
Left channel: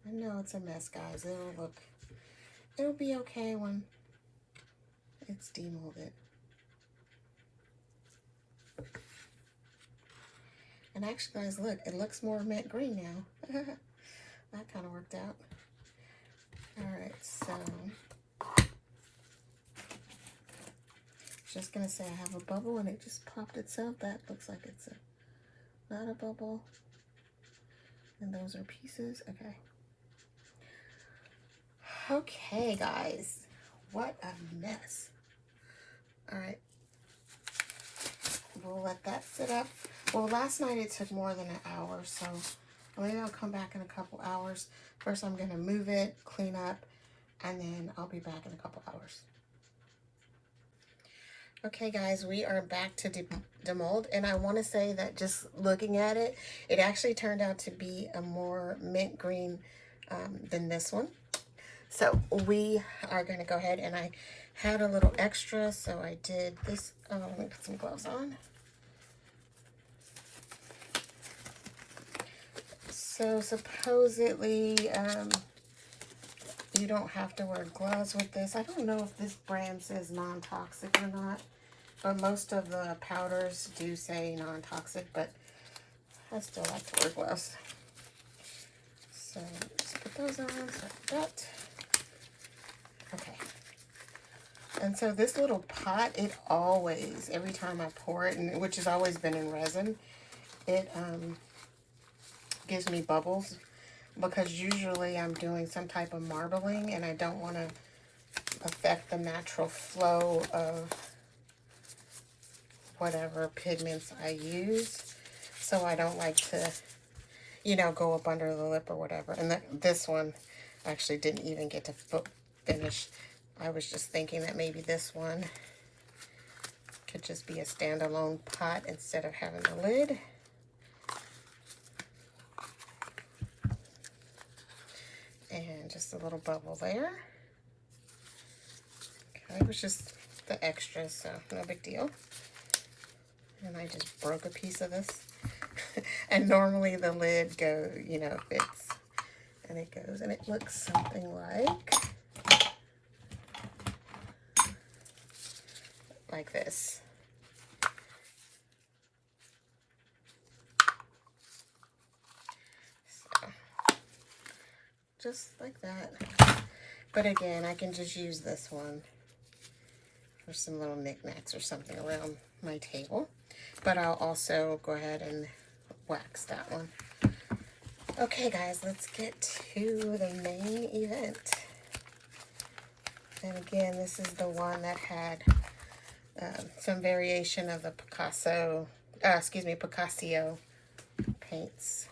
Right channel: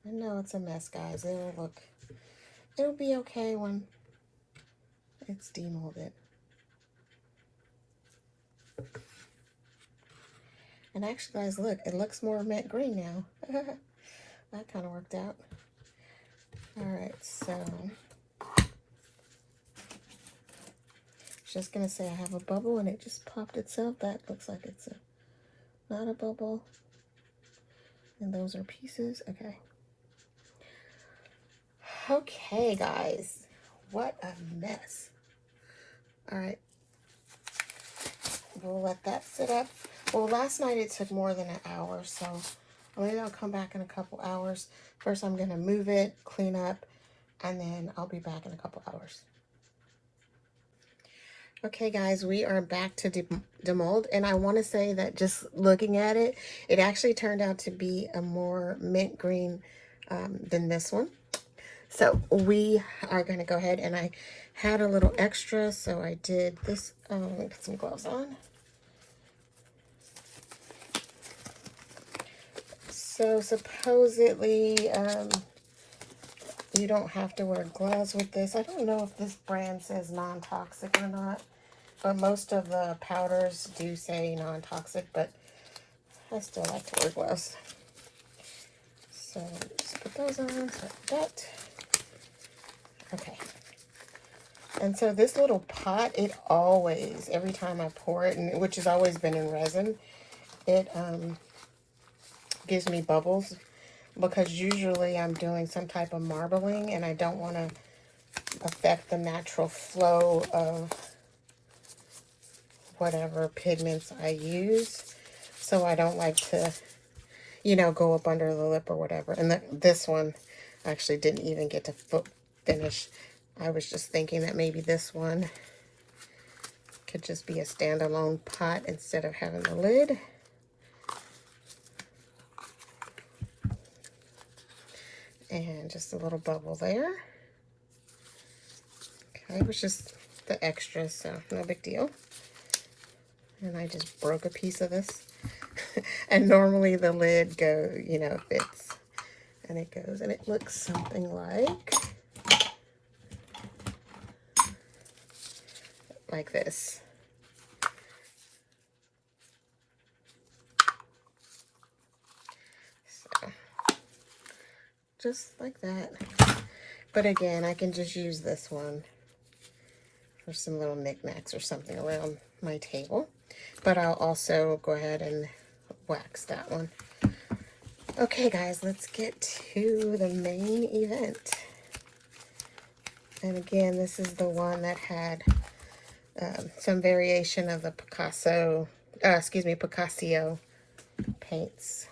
I know it's a mess, guys. It'll be okay when it's demolded. And actually, guys, look, it looks more mint green now. That kind of worked out. All right, so Just gonna say I have a bubble and it just popped itself. That looks like it's not a bubble. And those are pieces. Okay. Okay, guys. What a mess. All right. We'll let that sit up. Well, last night it took more than an hour, so maybe I'll come back in a couple hours. First, I'm going to move it, clean up, and then I'll be back in a couple hours. Okay, guys, we are back to demold, and I want to say that just looking at it, it actually turned out to be a more mint green than this one. So we are going to go ahead, and I had a little extra, so I did this. Let me put some gloves on. So supposedly, you don't have to wear gloves with this. I don't know if this brand says non-toxic or not, but most of the powders do say non-toxic, but I still like to wear gloves. So just put those on, like that. Okay. And so this little pot, it always, every time I pour it, and which has always been in resin, it gives me bubbles, because usually I'm doing some type of marbling and I don't want to affect the natural flow of whatever pigments I use. So I don't like to, you know, go up under the lip or whatever. And this one actually didn't even get to finish. I was just thinking that maybe this one could just be a standalone pot instead of having the lid. And just a little bubble there. Okay, it was just the extra, so no big deal. And I just broke a piece of this. And normally the lid fits. And it goes, and it looks something like this. Just like that. But again, I can just use this one for some little knickknacks or something around my table. But I'll also go ahead and wax that one. Okay, guys, let's get to the main event. And again, this is the one that had some variation of the Piccassio paints.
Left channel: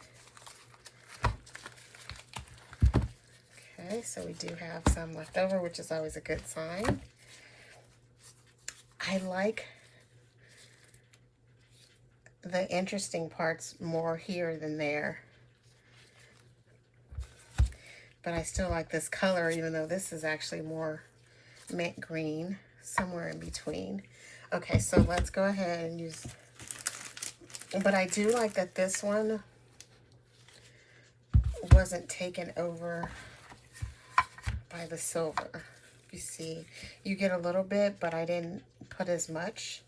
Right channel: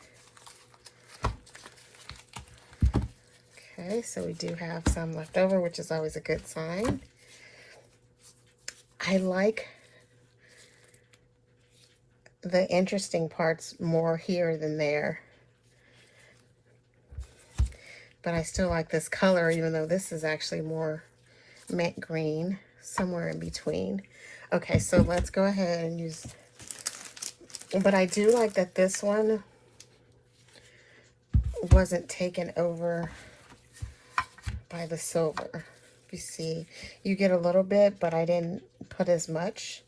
Okay, so we do have some left over, which is always a good sign. I like the interesting parts more here than there. But I still like this color, even though this is actually more mint green, somewhere in between. Okay, so let's go ahead and use, but I do like that this one wasn't taken over by the silver. You see, you get a little bit, but I didn't put as much.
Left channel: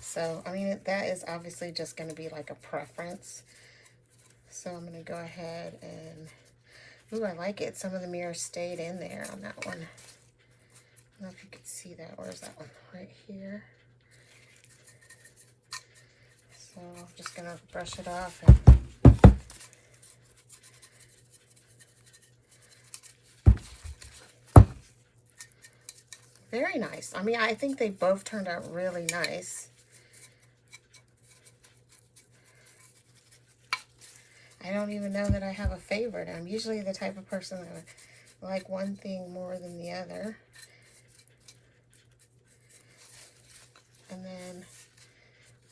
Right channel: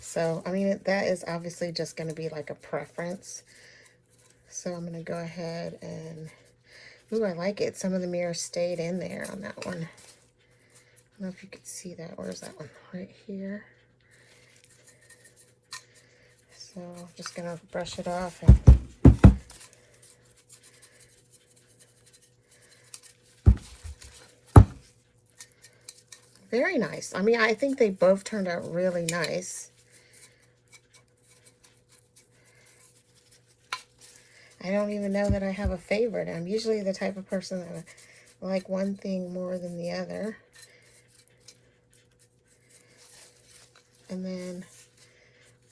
So, I mean, that is obviously just going to be like a preference. So I'm going to go ahead and, ooh, I like it. Some of the mirrors stayed in there on that one. I don't know if you could see that. Where's that one? Right here. So I'm just going to brush it off. Very nice. I mean, I think they both turned out really nice. I don't even know that I have a favorite. I'm usually the type of person that I like one thing more than the other. And then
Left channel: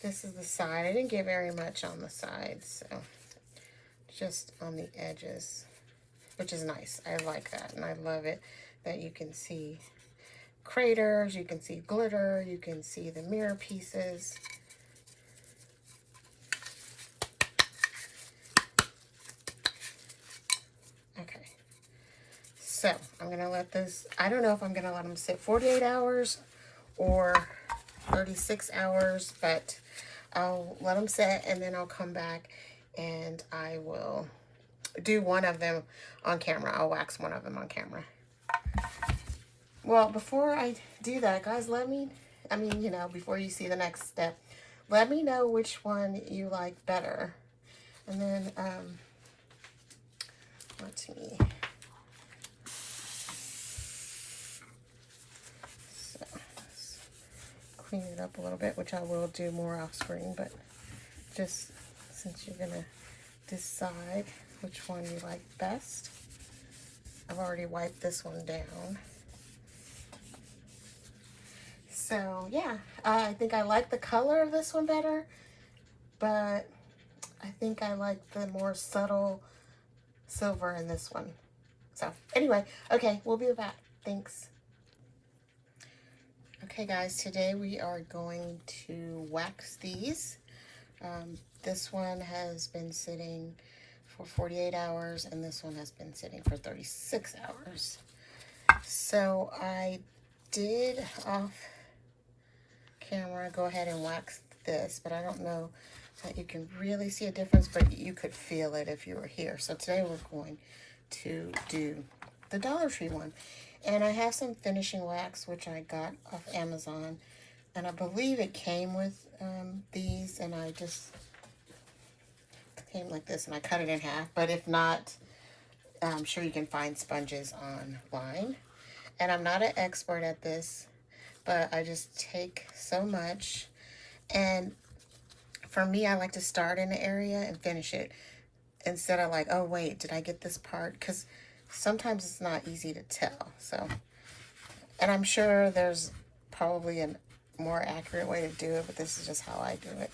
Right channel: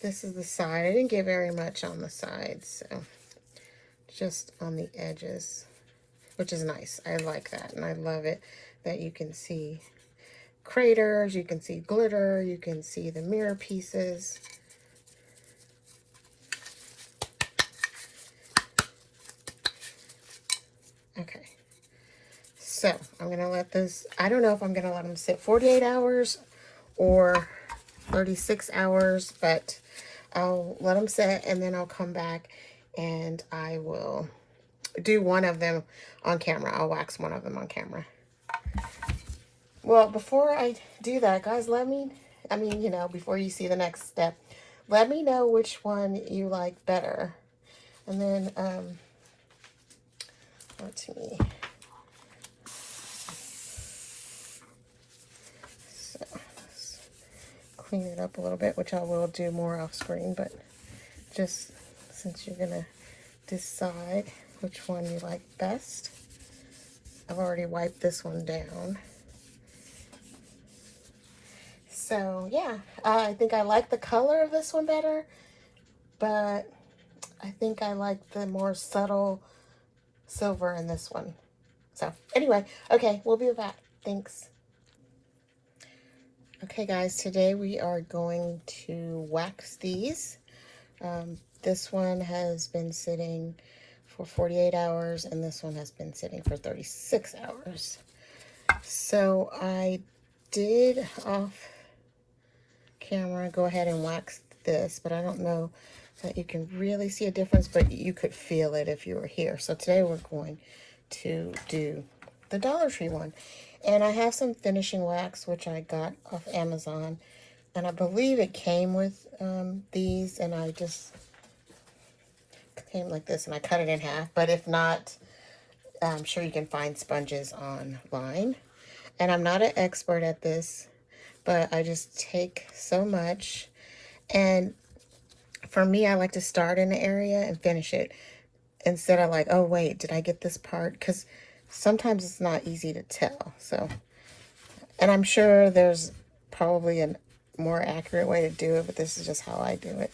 this is the side. I didn't get very much on the sides, so just on the edges, which is nice. I like that, and I love it that you can see craters, you can see glitter, you can see the mirror pieces. Okay, so I'm gonna let this, I don't know if I'm gonna let them sit 48 hours or 36 hours, but I'll let them sit and then I'll come back and I will do one of them on camera. I'll wax one of them on camera. Well, before I do that, guys, let me I mean, you know, before you see the next step. Let me know which one you like better. And then, let's see. So, let's clean it up a little bit, which I will do more off screen, but just since you're gonna decide which one you like best. I've already wiped this one down. So yeah, I think I like the color of this one better, but I think I like the more subtle silver in this one. So anyway, okay, we'll be back. Thanks. Okay guys, today we are going to wax these. This one has been sitting for 48 hours and this one has been sitting for 36 hours. So I did off camera go ahead and wax this, but I don't know that you can really see a difference, but you could feel it if you were here. So today we're going to do the Dollar Tree one. And I have some finishing wax, which I got off Amazon. And I believe it came with these, and I just came like this, and I cut it in half. But if not, I'm sure you can find sponges online. And I'm not an expert at this, but I just take so much. And for me, I like to start in an area and finish it instead of like, oh wait, did I get this part? Because sometimes it's not easy to tell. So, and I'm sure there's probably a more accurate way to do it, but this is just how I do it.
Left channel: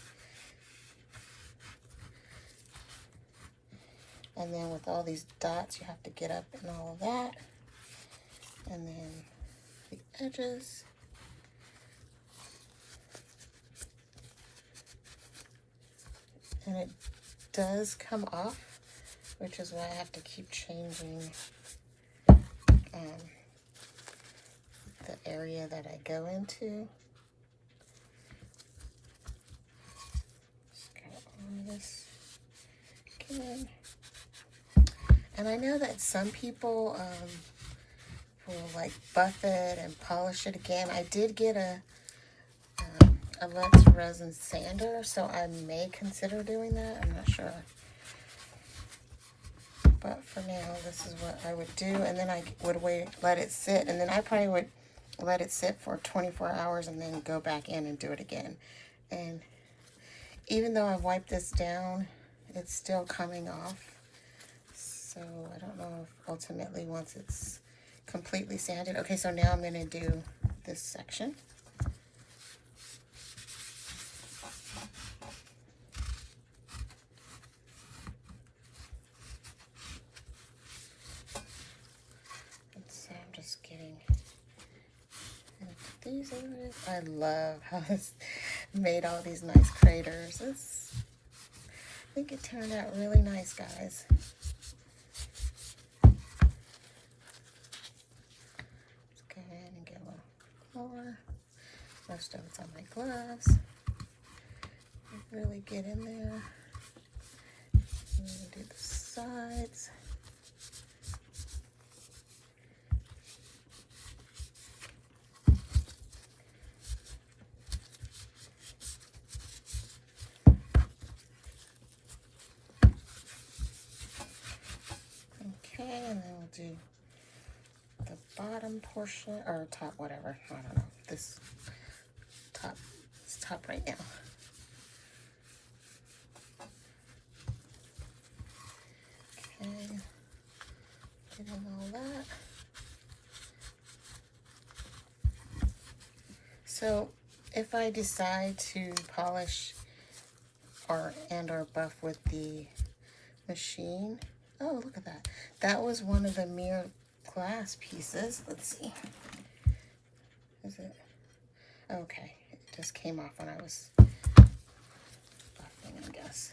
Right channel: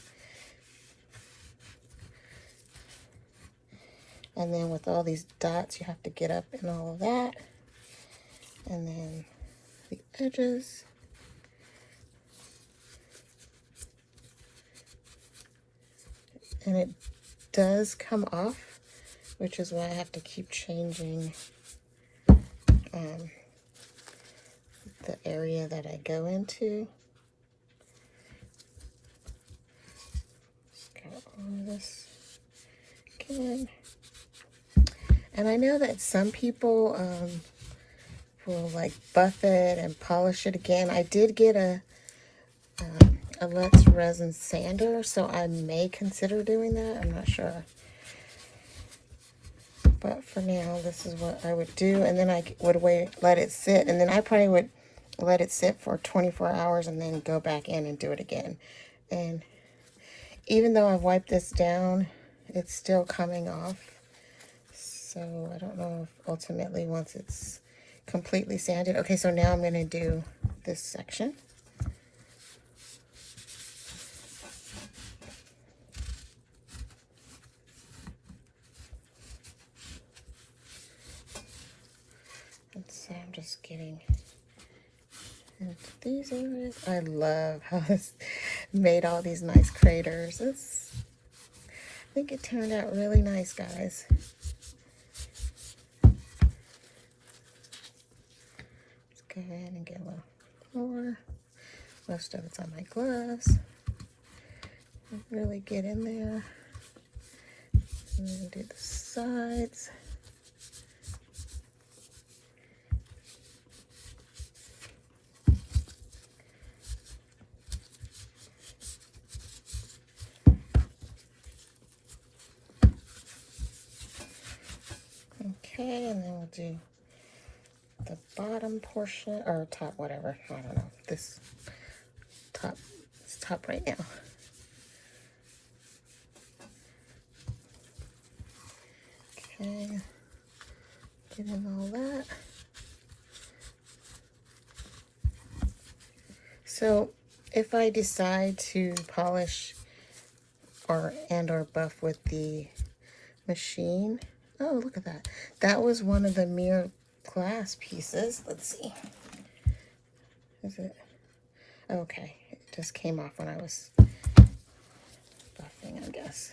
And then with all these dots, you have to get up and all of that. And then the edges. And it does come off, which is why I have to keep changing the area that I go into. Just got all of this again. And I know that some people will like buff it and polish it again. I did get a resin sander, so I may consider doing that. I'm not sure. But for now, this is what I would do. And then I would let it sit. And then I probably would let it sit for 24 hours and then go back in and do it again. And even though I've wiped this down, it's still coming off. So I don't know if ultimately once it's completely sanded. Okay, so now I'm going to do this section. So I'm just getting into these areas. I love how it's made all these nice craters. I think it turned out really nice, guys. Let's go ahead and get a little more. Most of it's on my gloves. Really get in there. And then do the sides. Okay, and then we'll do the bottom portion, or top, whatever. I don't know. This top, it's top right now. Okay, getting all that. So if I decide to polish or buff with the machine, oh, look at that. That was one of the mirror glass pieces. Let's see. Is it? Okay, it just came off when I was buffing, I guess.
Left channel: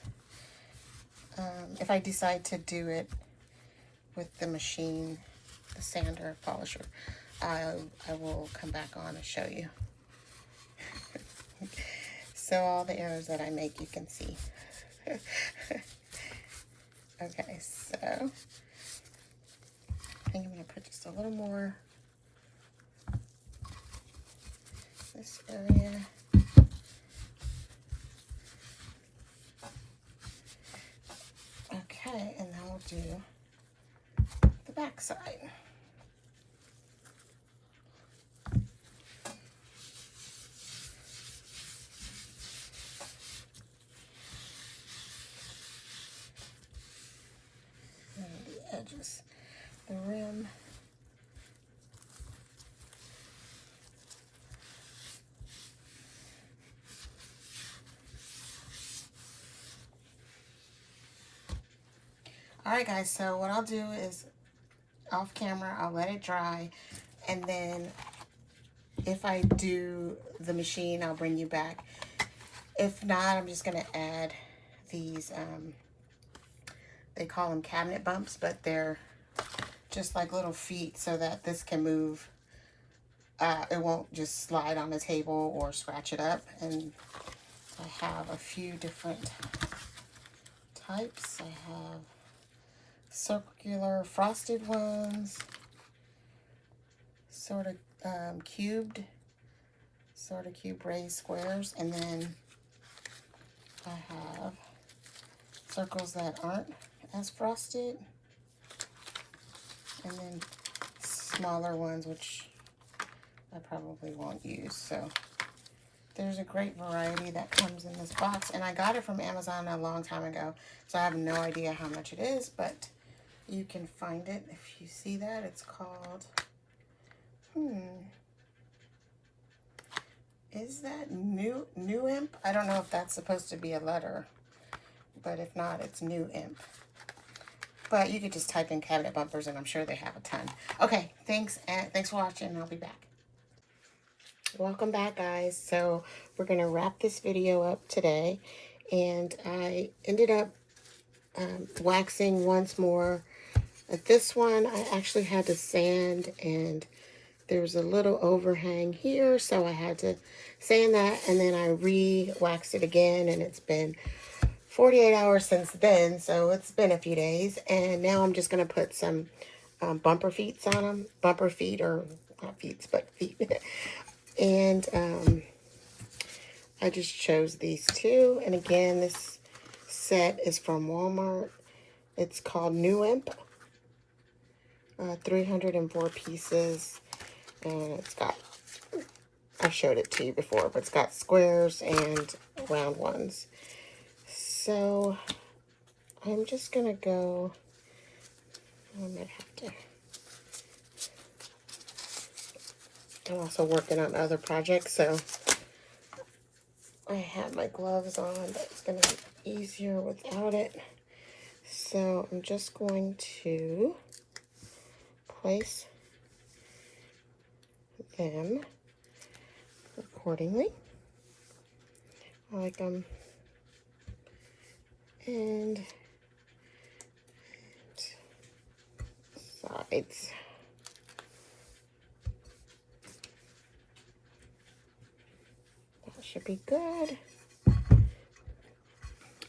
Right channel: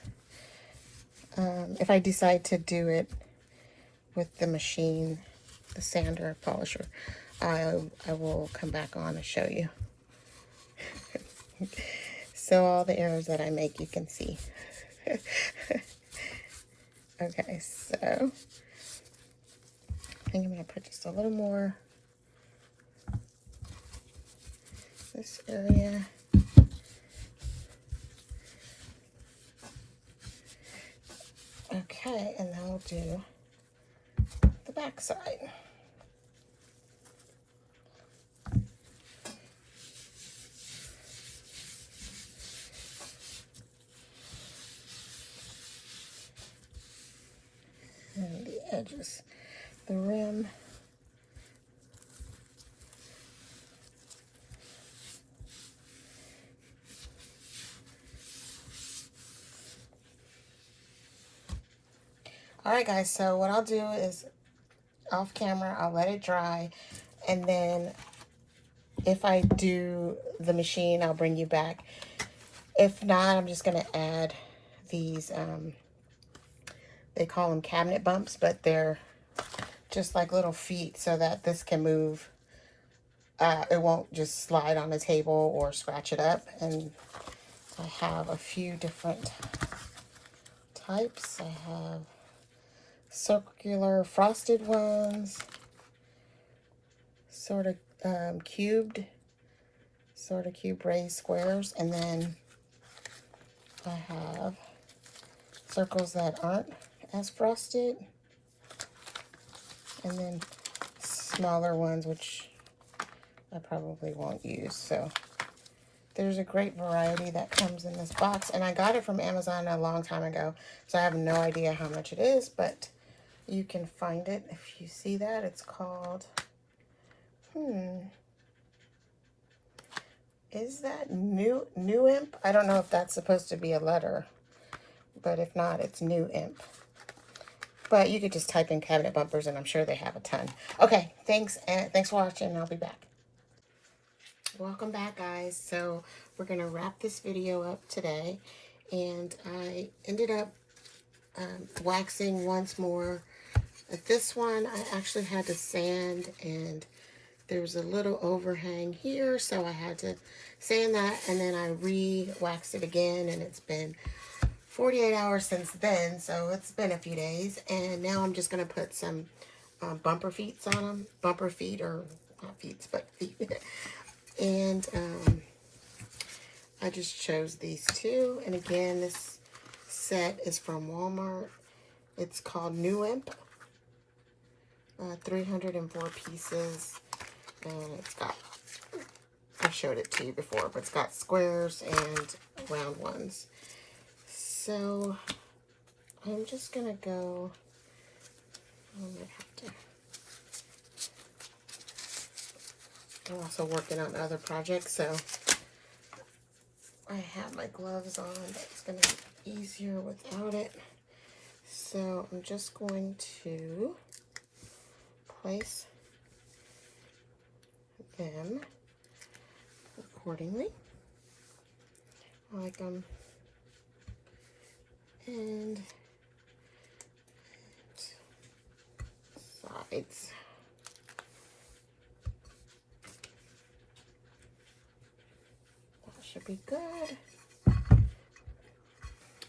If I decide to do it with the machine, the sander polisher, I will come back on and show you. So all the errors that I make, you can see. Okay, so I think I'm going to put just a little more. this area. Okay, and then we'll do the back side. And the edges, the rim. Alright guys, so what I'll do is off camera, I'll let it dry, and then if I do the machine, I'll bring you back. If not, I'm just going to add these, they call them cabinet bumps, but they're just like little feet so that this can move. It won't just slide on the table or scratch it up. And I have a few different types. I have circular frosted ones, sort of cubed raised squares, and then I have circles that aren't as frosted, and then smaller ones which I probably won't use. So there's a great variety that comes in this box, and I got it from Amazon a long time ago, so I have no idea how much it is, but you can find it if you see that. It's called, is that New Imp? I don't know if that's supposed to be a letter, but if not, it's New Imp. But you could just type in cabinet bumpers, and I'm sure they have a ton. Okay, thanks, and thanks for watching, and I'll be back. Welcome back, guys. So we're going to wrap this video up today, and I ended up waxing once more. This one I actually had to sand, and there was a little overhang here, so I had to sand that, and then I re-waxed it again, and it's been 48 hours since then, so it's been a few days. And now I'm just going to put some bumper feet on them. Bumper feet, or not feet, but feet. And I just chose these two. And again, this set is from Walmart. It's called New Imp. 304 pieces. And it's got, I've showed it to you before, but it's got squares and round ones. So I'm just going to go, I might have to, I'm also working on other projects, so I have my gloves on, but it's going to be easier without it. So I'm just going to place them accordingly, like and sides. That should be good.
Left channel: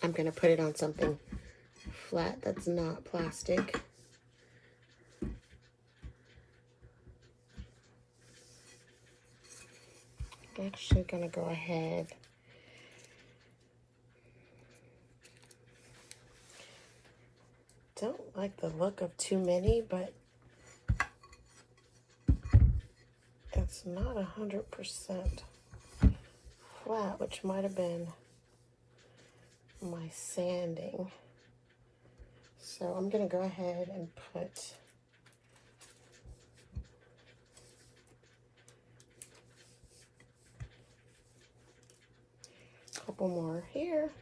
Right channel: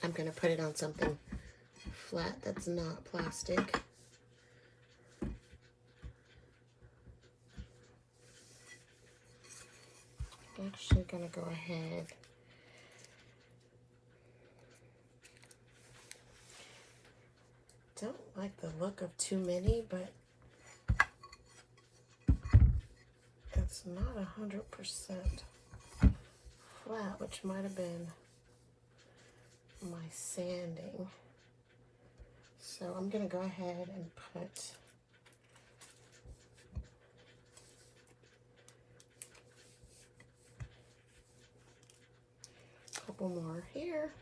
I'm going to put it on something flat that's not plastic. I'm actually going to go ahead don't like the look of too many, but it's not 100% flat, which might have been my sanding. So I'm going to go ahead and put a couple more here.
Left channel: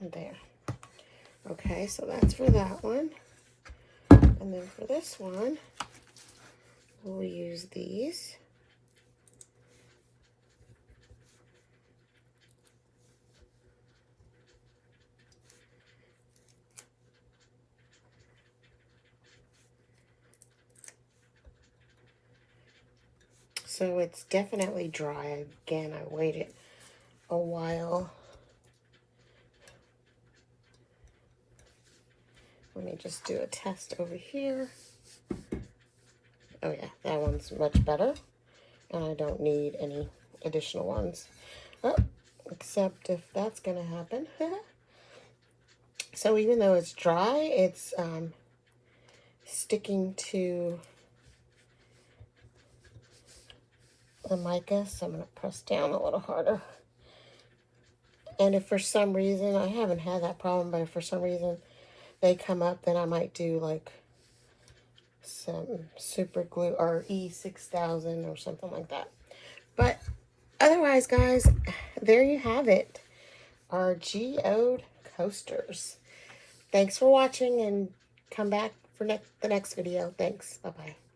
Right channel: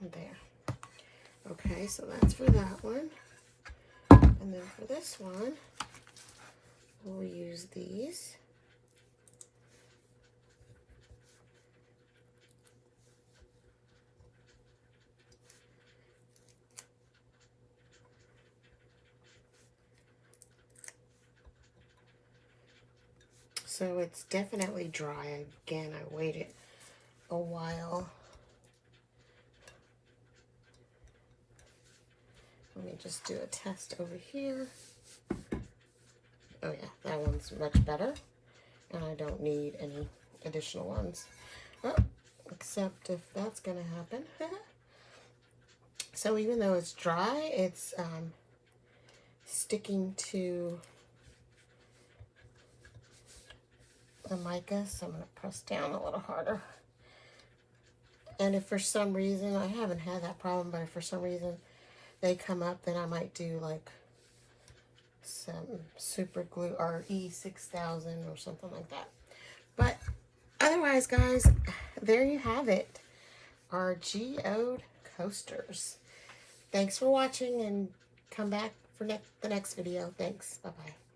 There. Okay, so that's for that one. And then for this one, we'll use these. So it's definitely dry. Again, I waited a while. Let me just do a test over here. Oh yeah, that one's much better. And I don't need any additional ones. Oh, except if that's gonna happen. So even though it's dry, it's sticking to the mica, so I'm gonna press down a little harder. And if for some reason, I haven't had that problem, but if for some reason they come up, then I might do like some super glue or E6000 or something like that. But otherwise, guys, there you have it. Our Geode coasters. Thanks for watching, and come back for the next video. Thanks. Bye-bye.